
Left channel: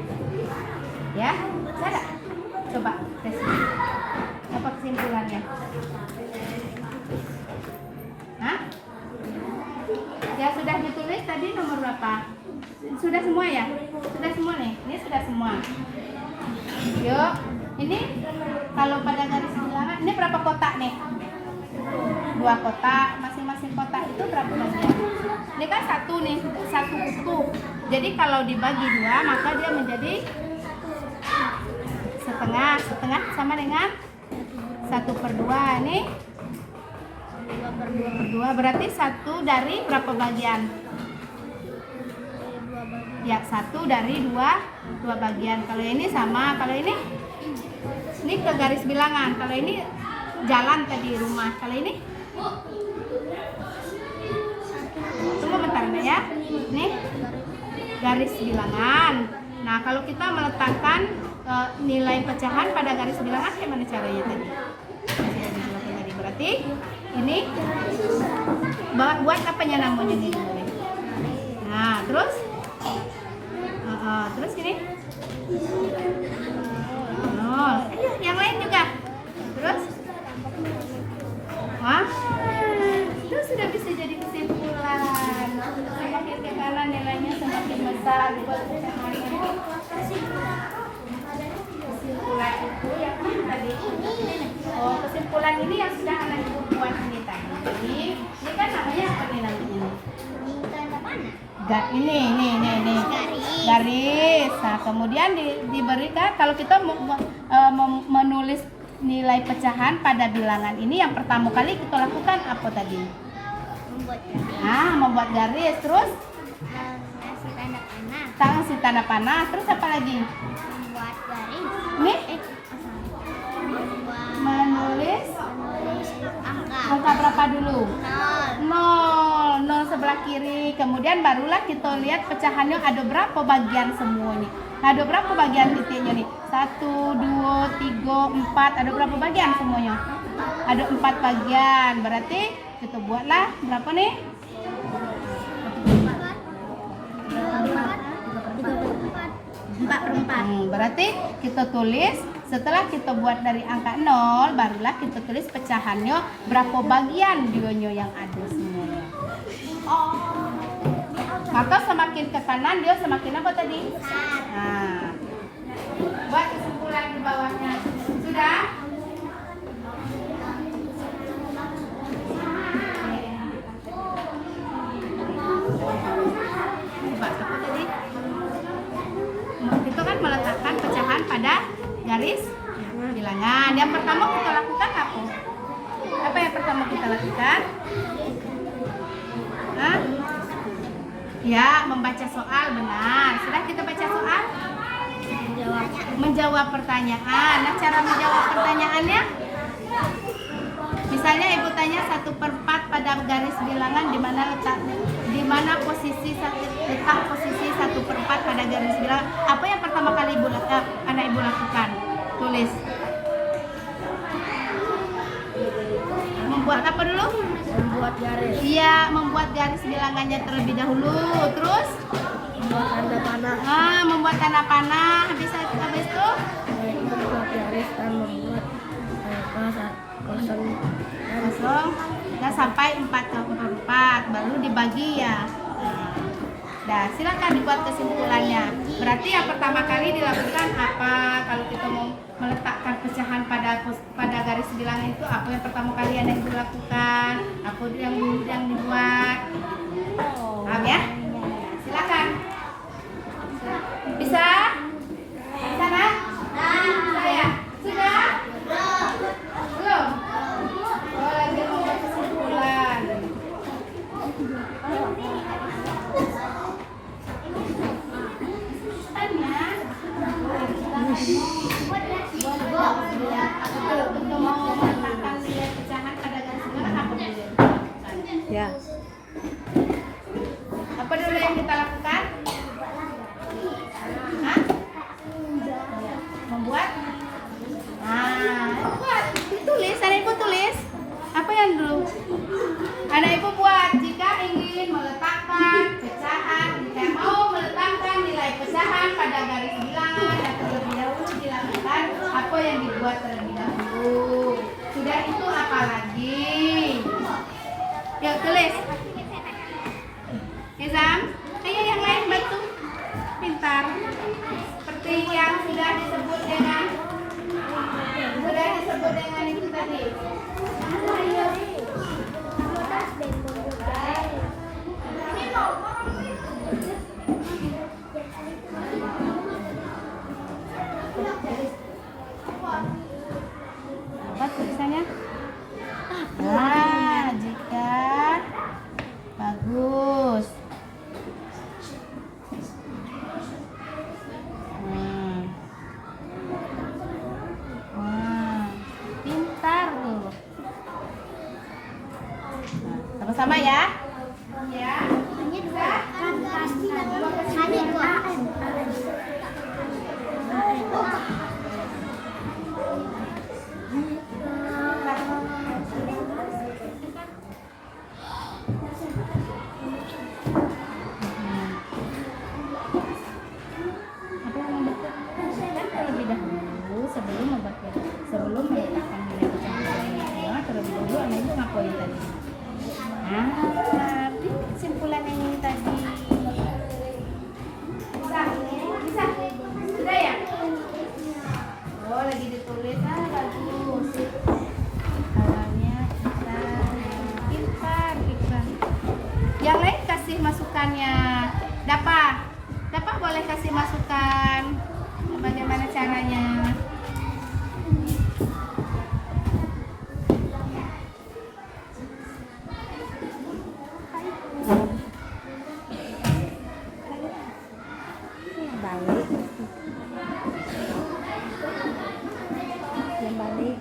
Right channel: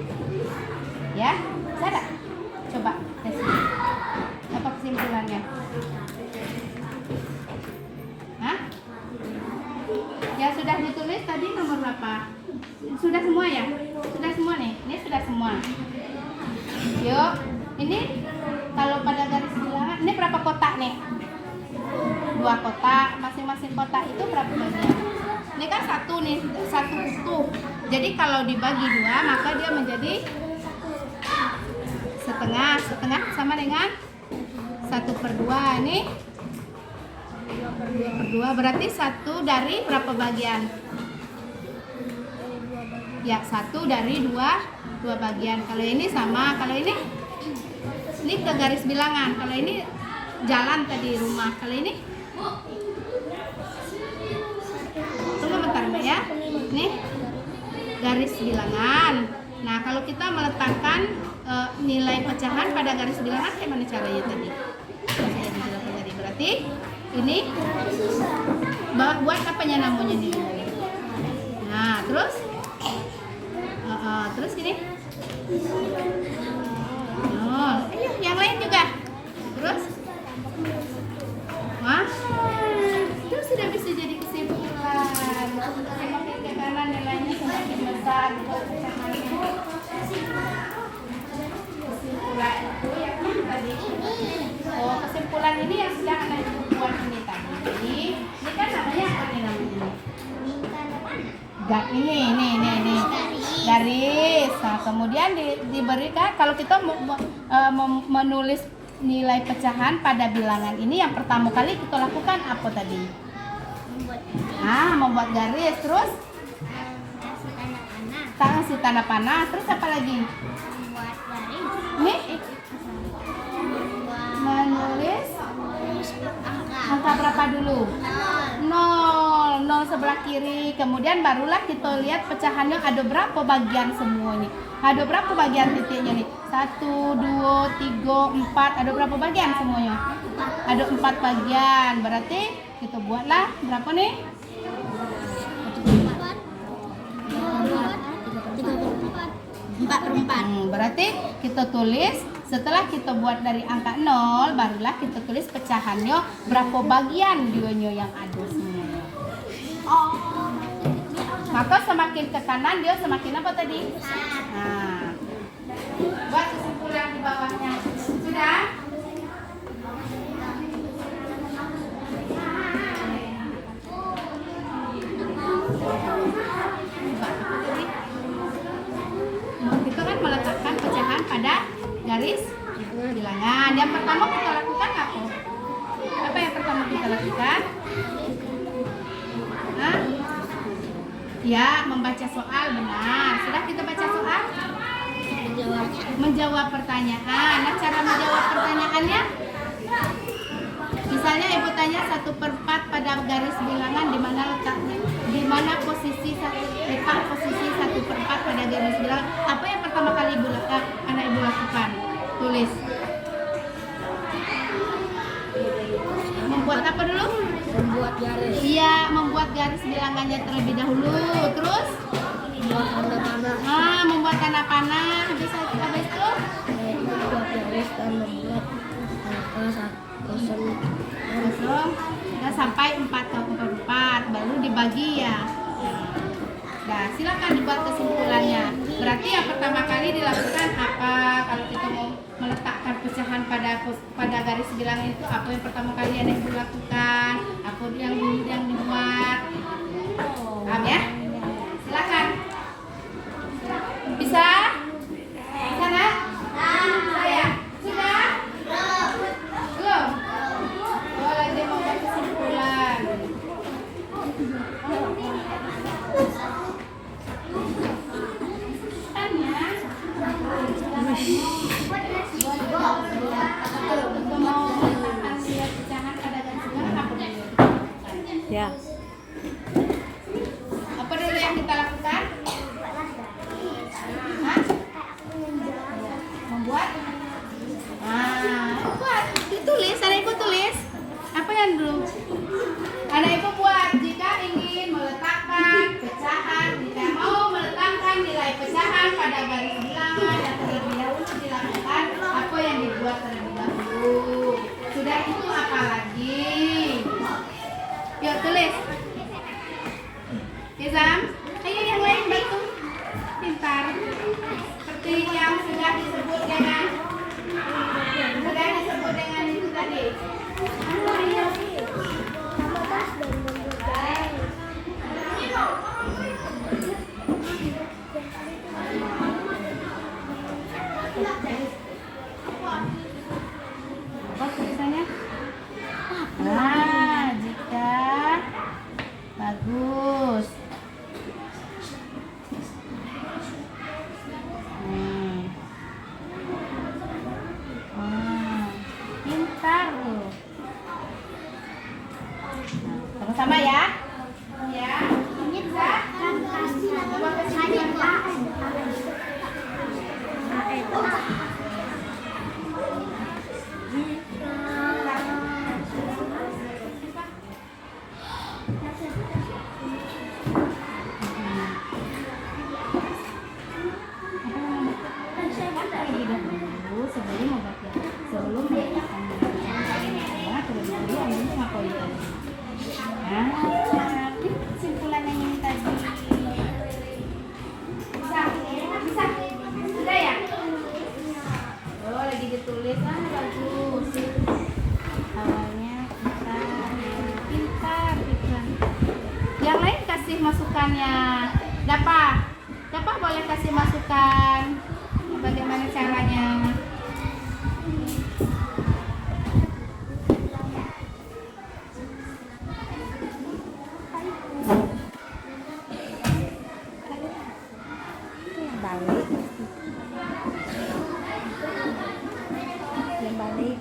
ya, ada? Coba tes. Apa kesimpulannya? Hah? Ya sudah ditulis tadi nomor berapa? Sudah semua ya? Sudah semua nih? Ini sudah semua. Yuk, ini kalau pada garis bilangan, ini berapa kotak nih? 2 kotak, masing-masing kotak itu berapa bagian? Ini kan satu nih, satu utuh. Jadi kalau dibagi 2, maka dia menjadi setengah sama dengan 1/2. Ini 2/2 berarti 1 dari berapa bagian? Ya, 1 dari 2 bagian. Kalau ini sama, kalau ini ke garis bilangan. Kalau ini jalan tadi rumah. Kalau ini tunggu bentar Mbak ya. Nih garis bilangan. Nah, kalau kita meletakkan nilai pecahan pada garis bilangan, gimana caranya tadi? Berarti berarti ini buat apanya namanya nih? Nah, terus terus gini. Oh, ayo yang lain juga. Terus? Wah, itu sudah bisa jadi kesimpulan. Semakin ke kanan nilainya semakin besar buat pecahannya. Kesimpulan itu yang mana tadi? Oh, kesimpulan ini yang sudah anak ibu buat ini tadi. Ini kan namanya apa nih namanya? Ini garis. Nah, kemudian diberikan kalau kita menulis nilai pecahan pada bilangan ini yang pertama kali kita lakukan apa tadi? Membuat garis. Terus kasih tanda panah. Terus apa lagi? Membuat garis. Nih? Menulis angka berapa dulu? 0 sebelah kiri. Kemudian barulah kita lihat pecahannya ada berapa bagian semuanya. Ada berapa bagian titiknya nih? 1, 2, 3, 4. Ada berapa bagian semuanya? Ada 4 bagian. Berarti kita buatlah berapa nih? 4/4. Berarti kita tulis, setelah kita buat dari angka 0, barulah kita tulis pecahannya berapa bagian dionya yang ada semuanya. Maka semakin ke kanan dia semakin apa tadi? Nah, buat kesimpulan di bawahnya. Sudah? Coba apa tadi? Kita kan meletakkan pecahan pada garis bilangan. Yang pertama kita lakukan apa? Apa yang pertama kita lakukan? Ya, membaca soal, benar. Sudah kita baca soal? Menjawab pertanyaan. Nah, cara menjawab pertanyaannya? Misalnya ibu tanya 1/4 pada garis bilangan di mana letaknya? Di mana posisi letak posisi 1/4 pada garis bilangan? Apa yang pertama kali anak ibu lakukan? Tulis. Membuat apa dulu? Membuat garis. Iya, membuat garis bilangannya terlebih dahulu. Terus? Membuat tanda panah. Membuat tanda panah. Habis itu? Membuat garis dan membuat kosong. Dan sampai 4/4 baru dibagi ya. Nah, silakan dibuat kesimpulannya. Berarti yang pertama kali dilakukan apa? Kalau kita mau meletakkan pecahan pada garis bilangan itu, apa yang pertama kali Anda ibu lakukan? Apa yang dulu yang dibuat? Paham ya? Silakan. Bisa? Bisa nak? Saya? Sudah? Belum? Oh, lagi membuat kesimpulan. Kalau kita mau meletakkan nilai pecahan pada garis bilangan, apa dulu yang kita lakukan? Ya. Apa dulu yang kita lakukan? Hah? Membuat? Buat. Ditulis, anak ibu tulis. Apa yang dulu? Anak ibu buat jika ingin meletakkan pecahan, jika mau meletakkan nilai pecahan pada garis bilangan dan terlebih dahulu dilakukan apa yang dibuat terlebih dahulu. Sudah itu apa lagi? Yuk tulis. Izam, ayo yang lain bantu. Pintar. Seperti yang sudah disebut dengan itu tadi. Ayo. Apa tulisannya? Jika bagus. Pintar loh. Sama-sama ya. Ya. Ini bisa. poin tadi? Nah, ini kesimpulannya ini tadi. Bisa? Bisa? Sudah ya? Oh, lagi ditulis. Ah, bagus. Awalnya kita pintar. Yang lain kasih masukannya. Dapat boleh kasih masukan. Bagaimana caranya? Balik. Yang balik.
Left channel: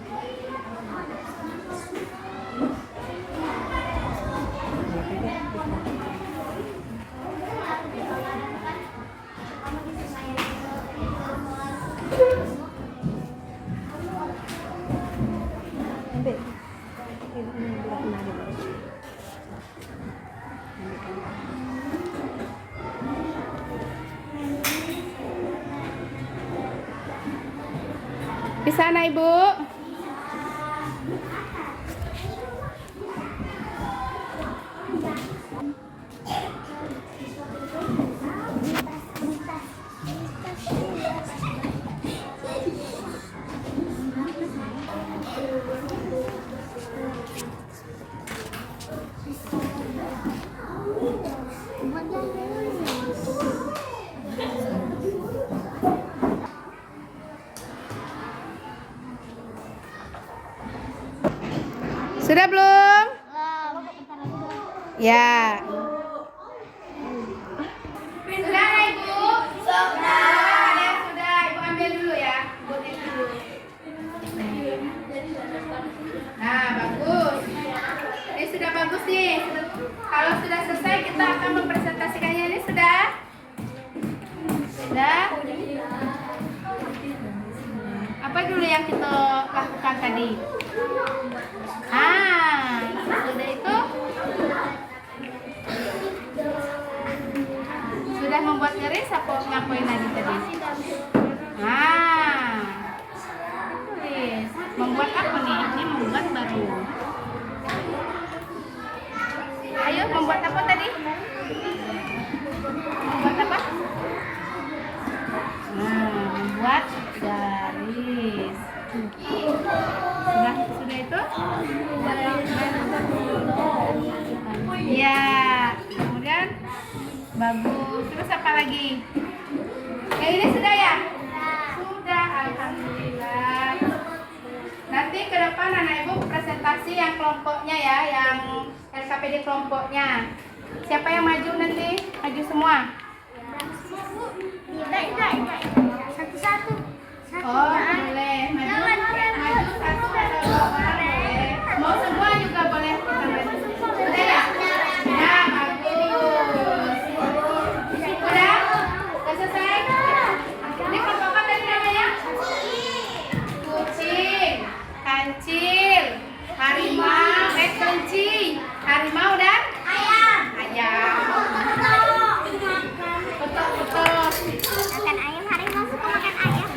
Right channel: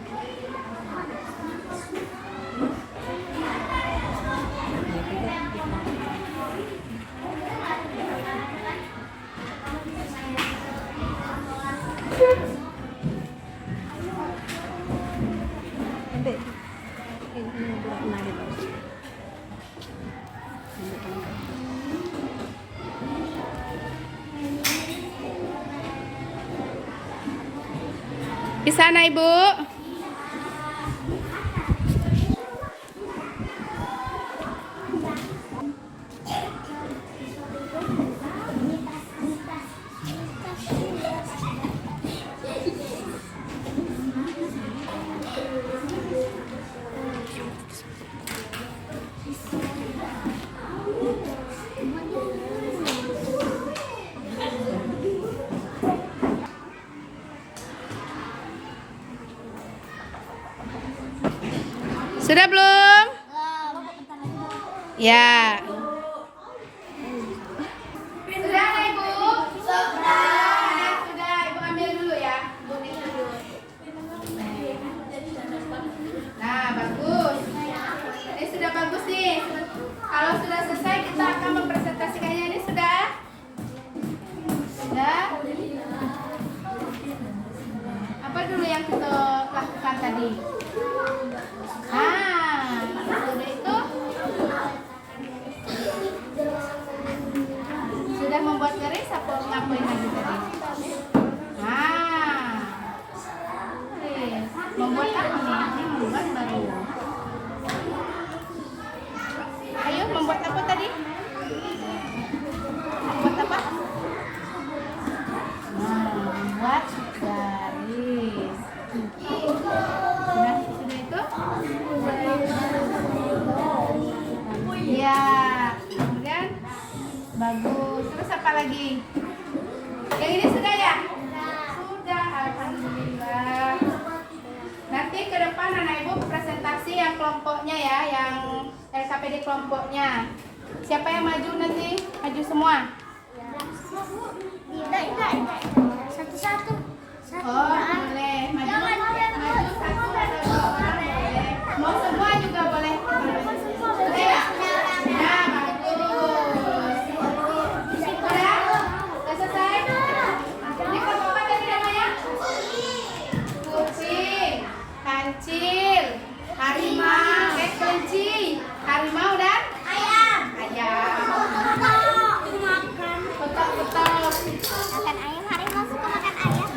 Di sana, Ibu. Sudah belum? Ya. Sudah, Ibu? Sudah. Ada yang sudah. Ibu ambil dulu ya. Ibu ambil dulu. Nah, bagus. Ini sudah bagus nih. Kalau sudah selesai, kita akan mempresentasikannya. Ini sudah? Sudah? Apa dulu yang kita lakukan tadi? Sudah itu? Sudah membuat garis apa ngapain lagi tadi? Tulis. Membuat apa nih? Ini membuat baru. Ayo, membuat apa tadi? Membuat apa? Membuat garis. Sudah itu? Ya, kemudian bagus. Terus apa lagi? Yang ini sudah ya? Sudah, alhamdulillah. Nanti ke depan anak ibu presentasi yang kelompoknya ya, yang LKPD kelompoknya. Siapa yang maju nanti? Maju semua? Enggak. Satu-satu. Oh, boleh. Maju satu atau dua orang boleh. Mau semua juga boleh. Boleh ya? Nah, bagus. Sudah? Sudah selesai? Ini kelompok apa tadi namanya? Kucing, kancil, harimau, kelinci, harimau dan ayam. Betul. Makan ayam, harimau suka makan ayam.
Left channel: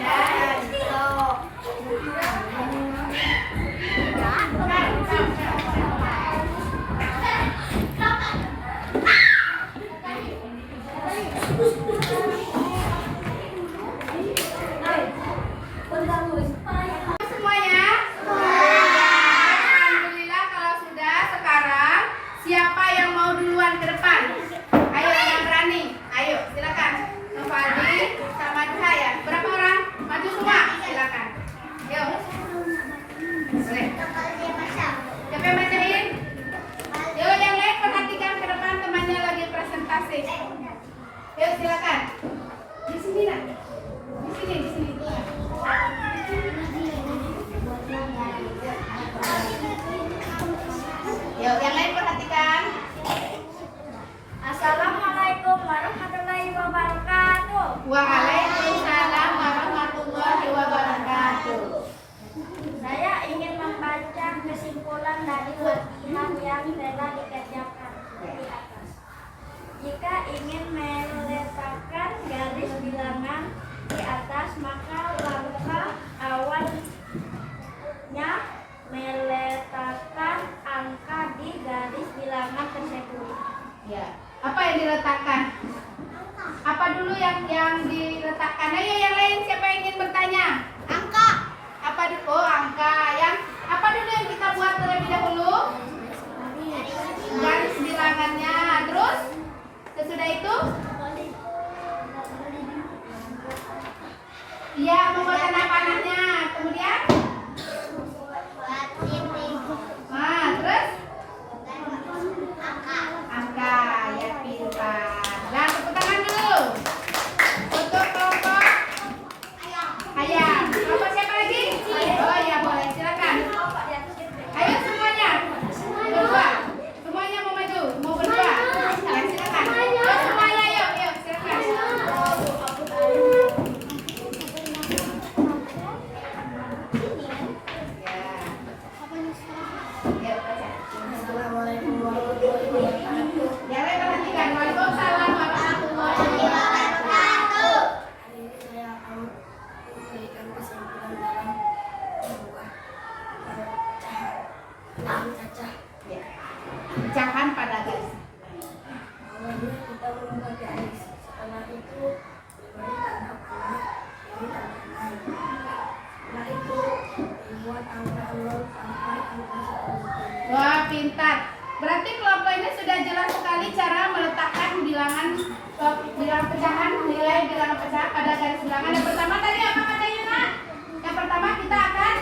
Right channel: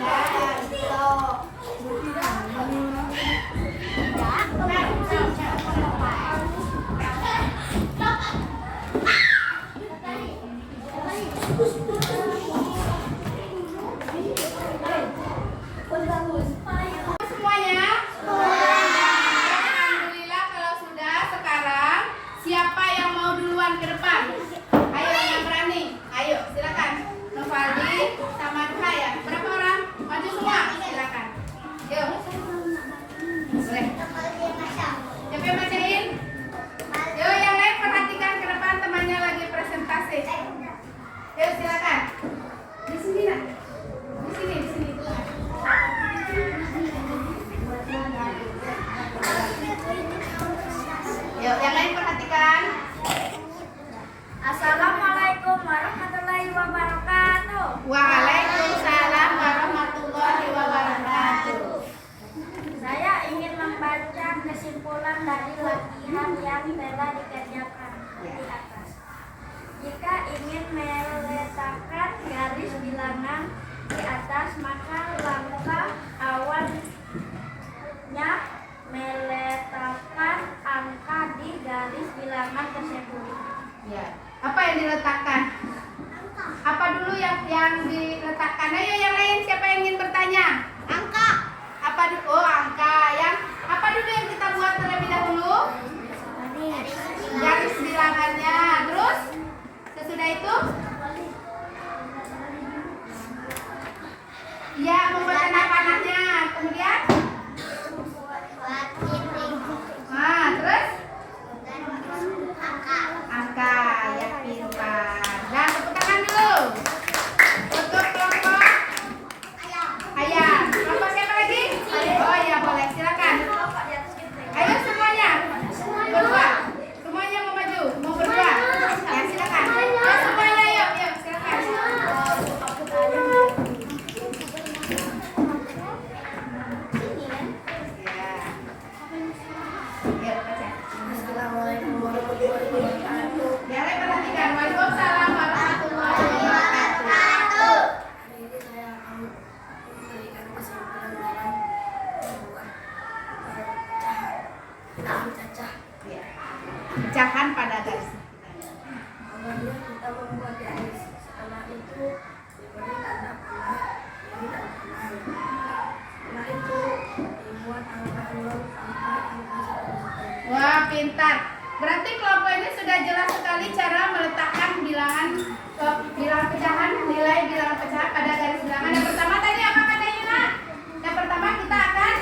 Semuanya? Alhamdulillah kalau sudah. Sekarang siapa yang mau duluan ke depan? Ayo yang berani. Ayo silakan. Nufaldi sama Duhaya. Berapa orang? Maju semua. Silakan. Yuk. Boleh. Siapa yang bacain? Yuk yang lain perhatikan ke depan, temannya lagi presentasi. Yuk silakan. Di sini nak. Di sini. Yuk, yang lain perhatikan. Assalamualaikum warahmatullahi wabarakatuh. Waalaikumsalam warahmatullahi wabarakatuh. Saya ingin membaca kesimpulan dari latihan yang telah dikerjakan di atas. Jika ingin meletakkan garis bilangan di atas, maka langkah awalnya meletakkan angka Yang lain perhatikan. Waalaikumsalam warahmatullahi wabarakatuh. Hari ini saya akan memberikan kesimpulan dalam sebuah pecahan. Cacah. Ya. Pecahan pada garis. Awalnya kita membuat garis. Setelah itu diberi tanda panah, ini tanda panah. Setelah itu dibuat angka 0 sampai angka 1. Wah, pintar. Berarti kelompok ini sudah jelas sekali cara meletakkan bilangan bilangan pecahan, nilai bilangan pecahan pada garis bilangan. Yang pertama tadi apa katanya, Nak? Yang pertama kita akan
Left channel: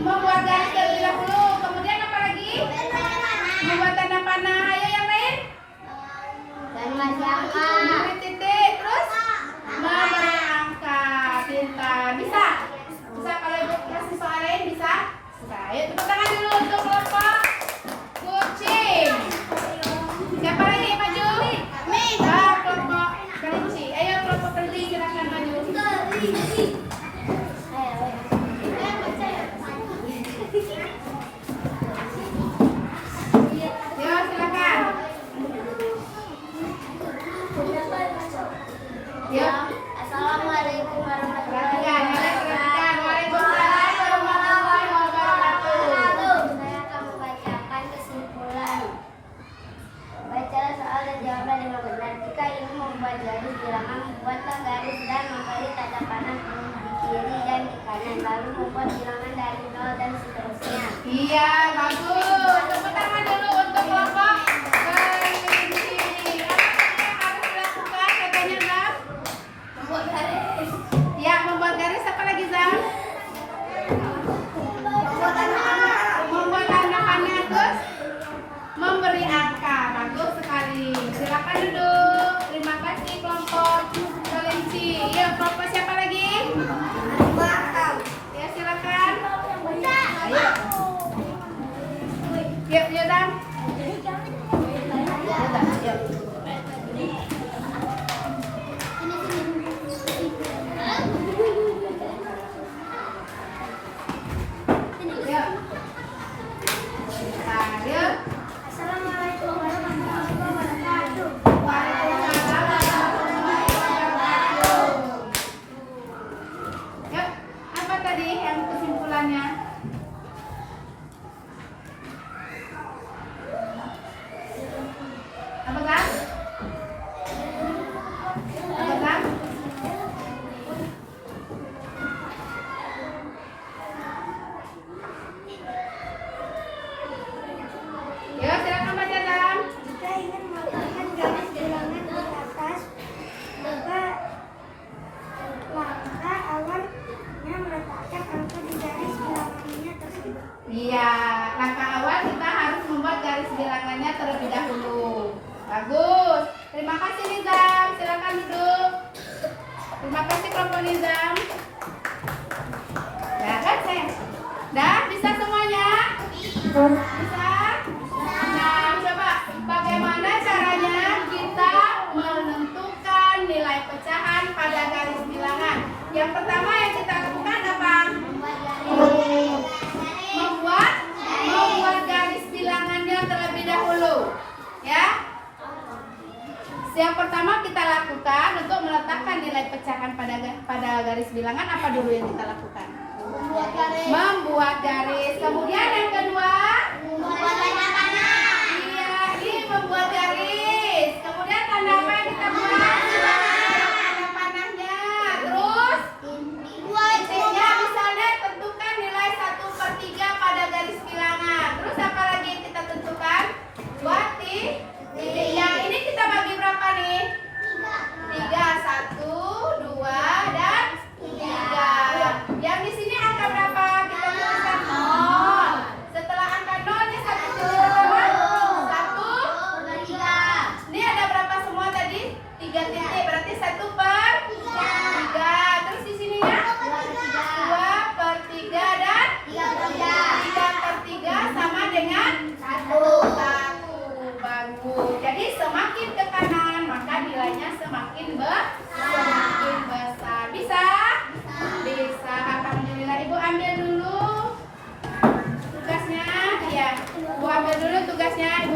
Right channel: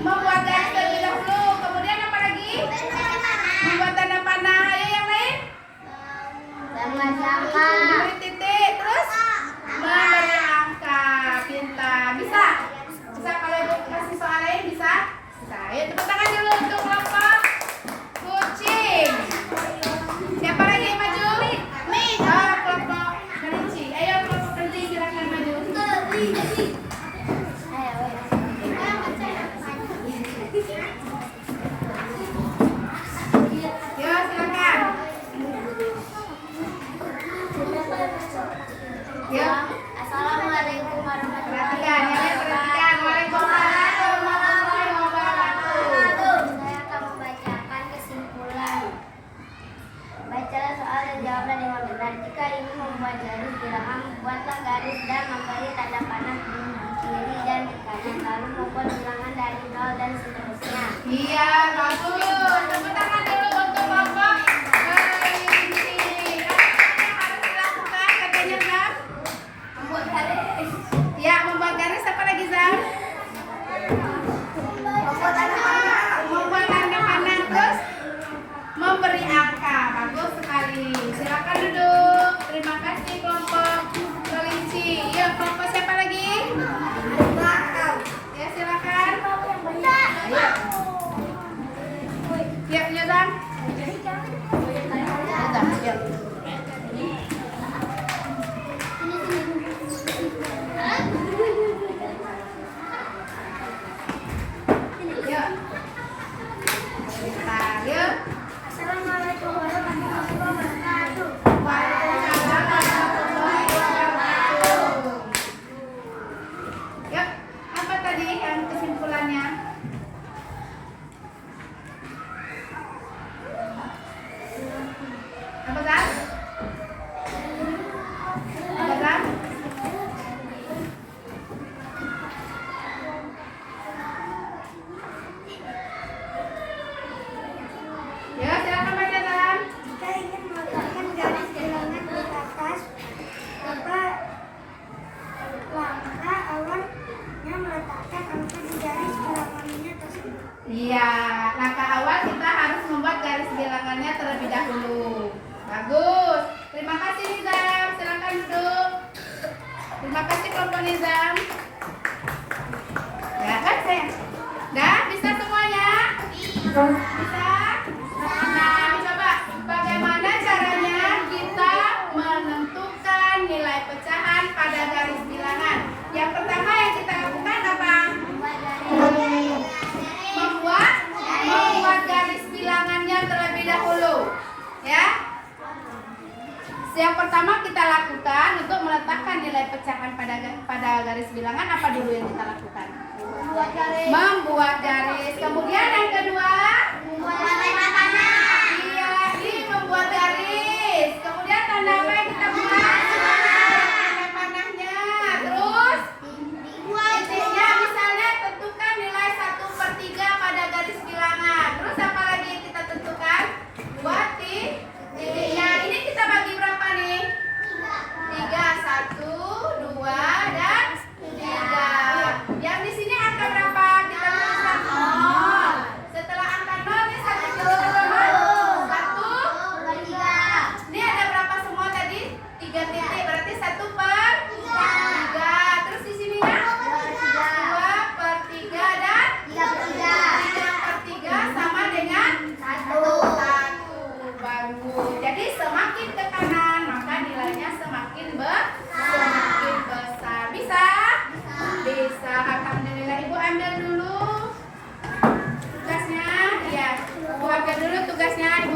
membuat garis terlebih dahulu. Kemudian apa lagi? Membuat tanda panah. Ayo yang lain? Memberi titik. Terus memberi angka. Pintar. Bisa? Bisa kalau ibu kasih soal lain bisa? Bisa. Ayo tepuk tangan dulu untuk kelompok kucing. Siapa lagi yang maju? Kelompok kelinci. Ayo kelompok kelinci silakan maju. Yo silakan. Yo. Assalamualaikum warahmatullahi Perhatikan. Waalaikumsalam warahmatullahi wabarakatuh. Saya akan membacakan kesimpulan. Bacalah soal dan jawablah dengan benar. Jika ingin membuat garis bilangan, buatlah garis dan memberi tanda panah di kiri dan di kanan. Lalu membuat bilangan dari 0 dan seterusnya. Iya, bagus. Tepuk tangan dulu untuk kelompok kelinci. Apa yang harus dilakukan katanya, Bang? Membuat garis. Ya, membuat garis apa lagi, Zam? Membuat tanda panah, terus memberi angka. Bagus sekali. Silakan duduk. Terima kasih kelompok kelinci. Ya, kelompok siapa lagi? Ya, silakan. Ayo. Yuk, yuk, Zam. Zam, yuk. Yuk. Bentar, yuk. Assalamualaikum warahmatullahi wabarakatuh. Waalaikumsalam warahmatullahi wabarakatuh. Yuk, apa tadi yang kesimpulannya? Apa kan? Apa kan? Ya, silakan baca Dan. Jika ingin meletakkan garis bilangan di atas, coba langkah awalnya meletakkan angka di garis bilangannya tersebut. Iya, langkah awal kita harus membuat garis bilangannya terlebih dahulu. Bagus. Terima kasih Nizam. Silakan duduk. Terima kasih kelompok Nizam. Ya kan saya? Dah bisa semuanya? Bisa? Nah, coba bagaimana caranya kita menentukan nilai pecahan pada garis bilangan? Yang pertama yang kita lakukan apa? Membuat garis bilangannya terlebih dahulu. Ya. Yang pertama kita lakukan untuk meletakkan nilai pecahan pada garis bilangan, apa dulu yang kita lakukan? Membuat garis. Kemudian yang kedua, iya, ini membuat garis. Kemudian tanda apa yang kita buat? Tanda panahnya. Terus titiknya, misalnya tentukan nilai 1/3 pada garis bilangan. Terus apa lagi yang kita tentukan? Buat titiknya. Ini kita bagi berapa nih? 3, 1, 2, dan 3. Yang di sini angka berapa? Kita tuliskan 0. Setelah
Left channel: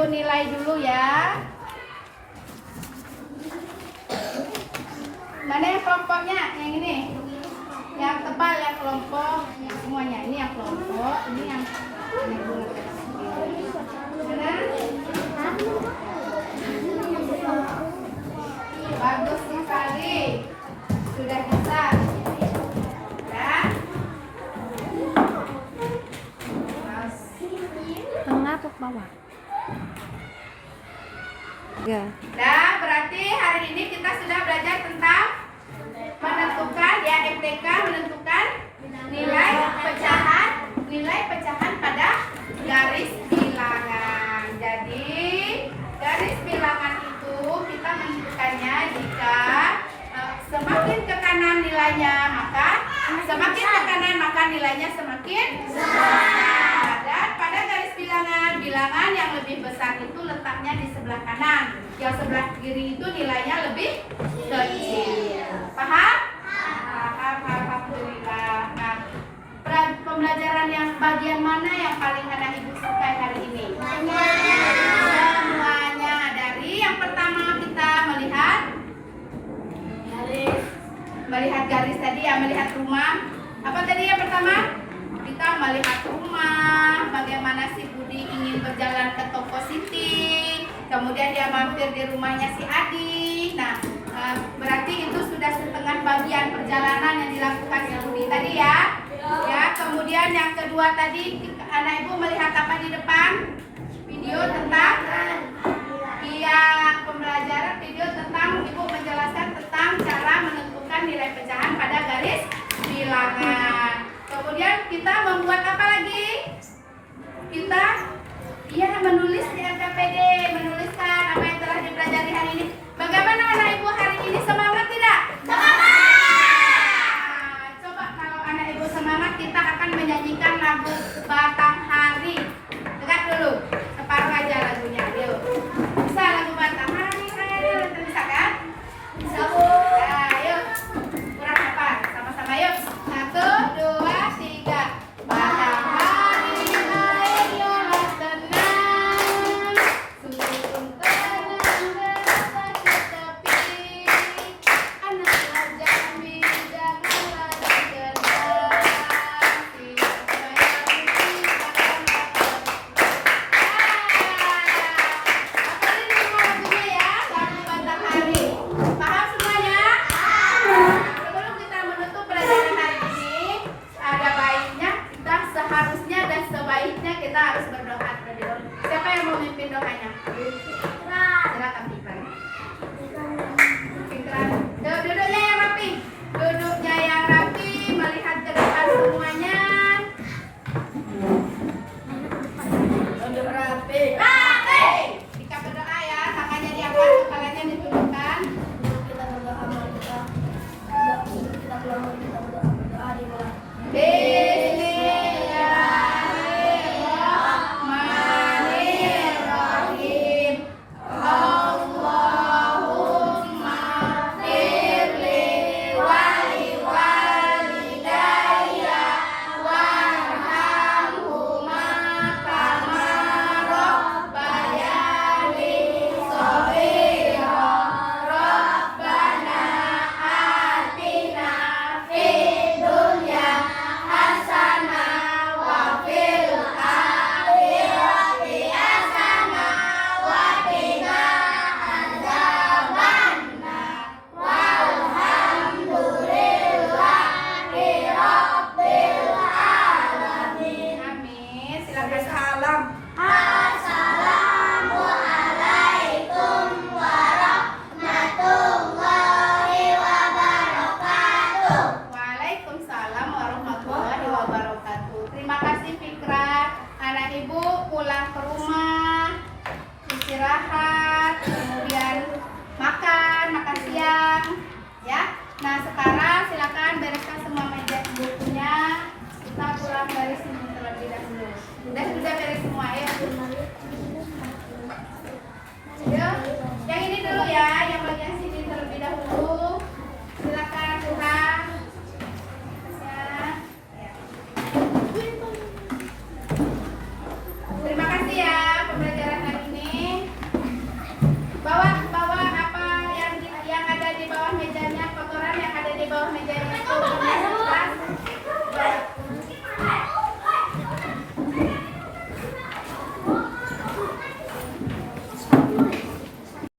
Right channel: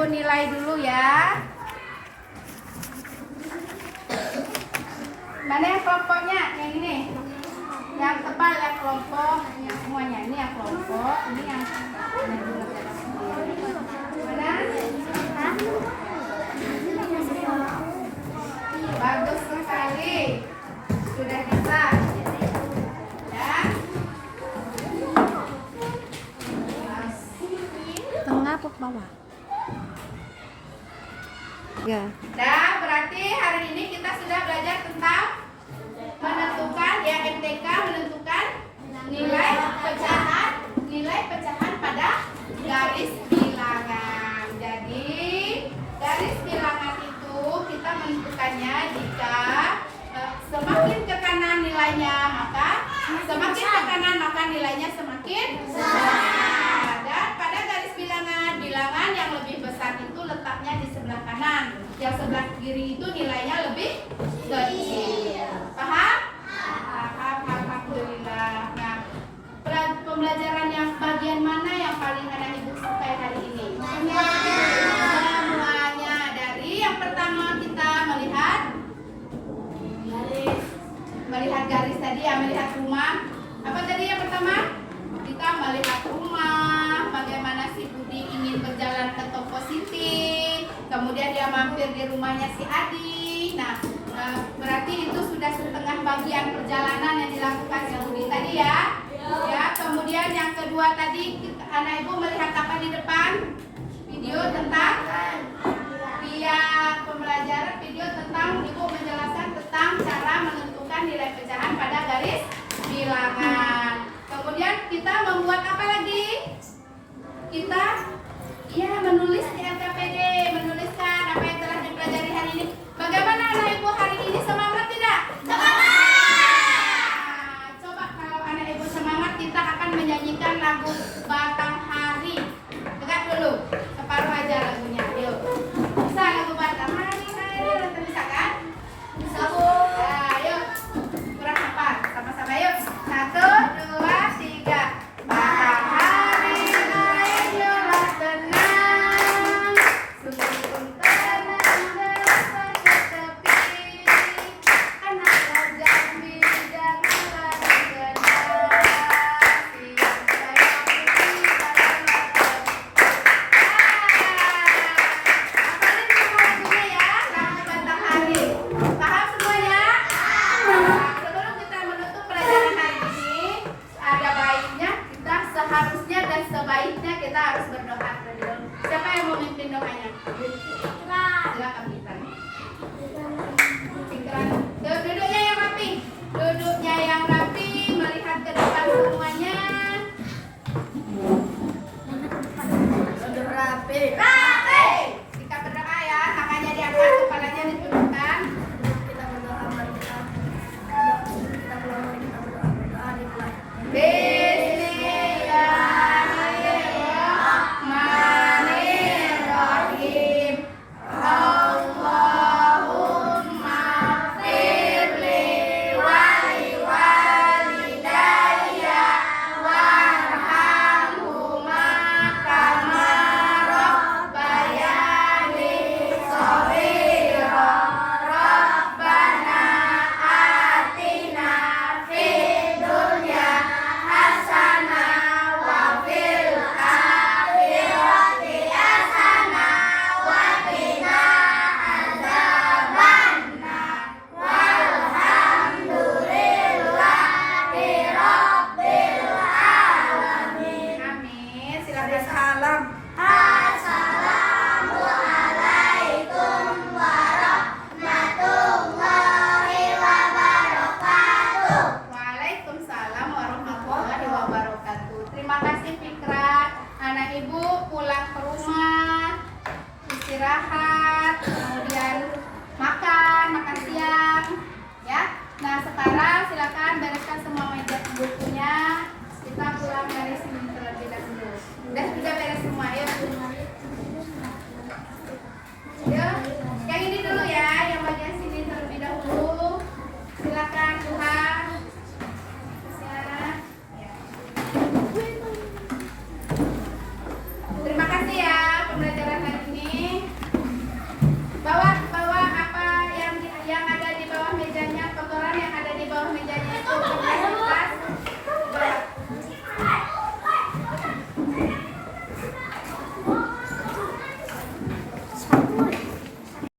Ibu nilai dulu ya. Mana yang kelompoknya? Yang ini. Yang tebal yang kelompok, yang semuanya. Ini yang kelompok, ini yang mana? Bagus sekali. Sudah bisa. Ya. Tengah apa bawah? Ya. Nah, berarti hari ini kita sudah belajar tentang menentukan ya MTK, menentukan nilai pecahan pada garis bilangan. Jadi garis bilangan itu kita menentukannya jika semakin ke kanan nilainya maka nilainya semakin besar. Dan pada garis bilangan yang lebih besar itu letaknya di sebelah kanan, yang sebelah kiri itu nilainya lebih kecil. Paham? Paham, alhamdulillah. Nah, pembelajaran yang bagian mana yang paling anak ibu sukai hari ini? Semuanya. Dari yang pertama kita melihat garis tadi ya, melihat rumah. Apa tadi yang pertama? Kita melihat rumah, bagaimana si Budi ingin berjalan ke toko Siti, kemudian dia mampir di rumahnya si Adi. Nah, berarti itu sudah setengah bagian perjalanan yang dilakukan si Budi tadi ya. Ya, kemudian yang kedua tadi anak ibu melihat apa di depan? Video tentang pembelajaran video tentang ibu menjelaskan tentang cara menentukan nilai pecahan pada garis bilangan. Kemudian kita membuat apa lagi? Kita menulis di LKPD, menuliskan apa yang telah dipelajari hari ini. Bagaimana anak ibu hari ini, semangat tidak? Semangat! Coba kalau anak ibu semangat, kita akan menyanyikan lagu Batanghari. Tegak dulu, separuh aja lagunya. Yuk, bisa lagu Batanghari? Bisa kan? Bisa bu. Nah, yuk, kurang apa? Sama-sama yuk. 1, 2, 3. Matahari naik lelah tenang, susu pun tenang bersatu tepi. Anak Jambi janganlah digendam, siap saya putih pada hafalin semua lagunya ya, lagu Batanghari. Paham semuanya? Sebelum kita menutup pelajaran hari ini, ada baiknya kita seharusnya dan sebaiknya kita harus berdoa terlebih dahulu. Siapa yang mau memimpin doanya? Silakan Fikran. Fikran. Duduknya yang rapi. Duduknya yang rapi, melihat ke depan semuanya. Duduk rapi. Rapi. Kita berdoa ya, tangannya diangkat, kepalanya ditundukkan. Kita berdoa, mari kita pulang, mari kita berdoa dimulai. Bismillahirrahmanirrahim. Allahumma firli wali walidayya warhamhuma kama rabbayani shaghira. Rabbana atina fid dunya hasanah wa fil akhirati hasanah wa qina adzabannar. Walhamdulillahi rabbil alamin. Amin. Silakan. Salam. Assalamualaikum warahmatullahi wabarakatuh. Waalaikumsalam warahmatullahi wabarakatuh. Terima kasih Fikra. Anak ibu pulang ke rumah, istirahat, kemudian makan siang, ya. Nah sekarang silakan bereskan semua meja bukunya. Kita pulang dari sini terlebih dahulu. Udah juga beres semua ya.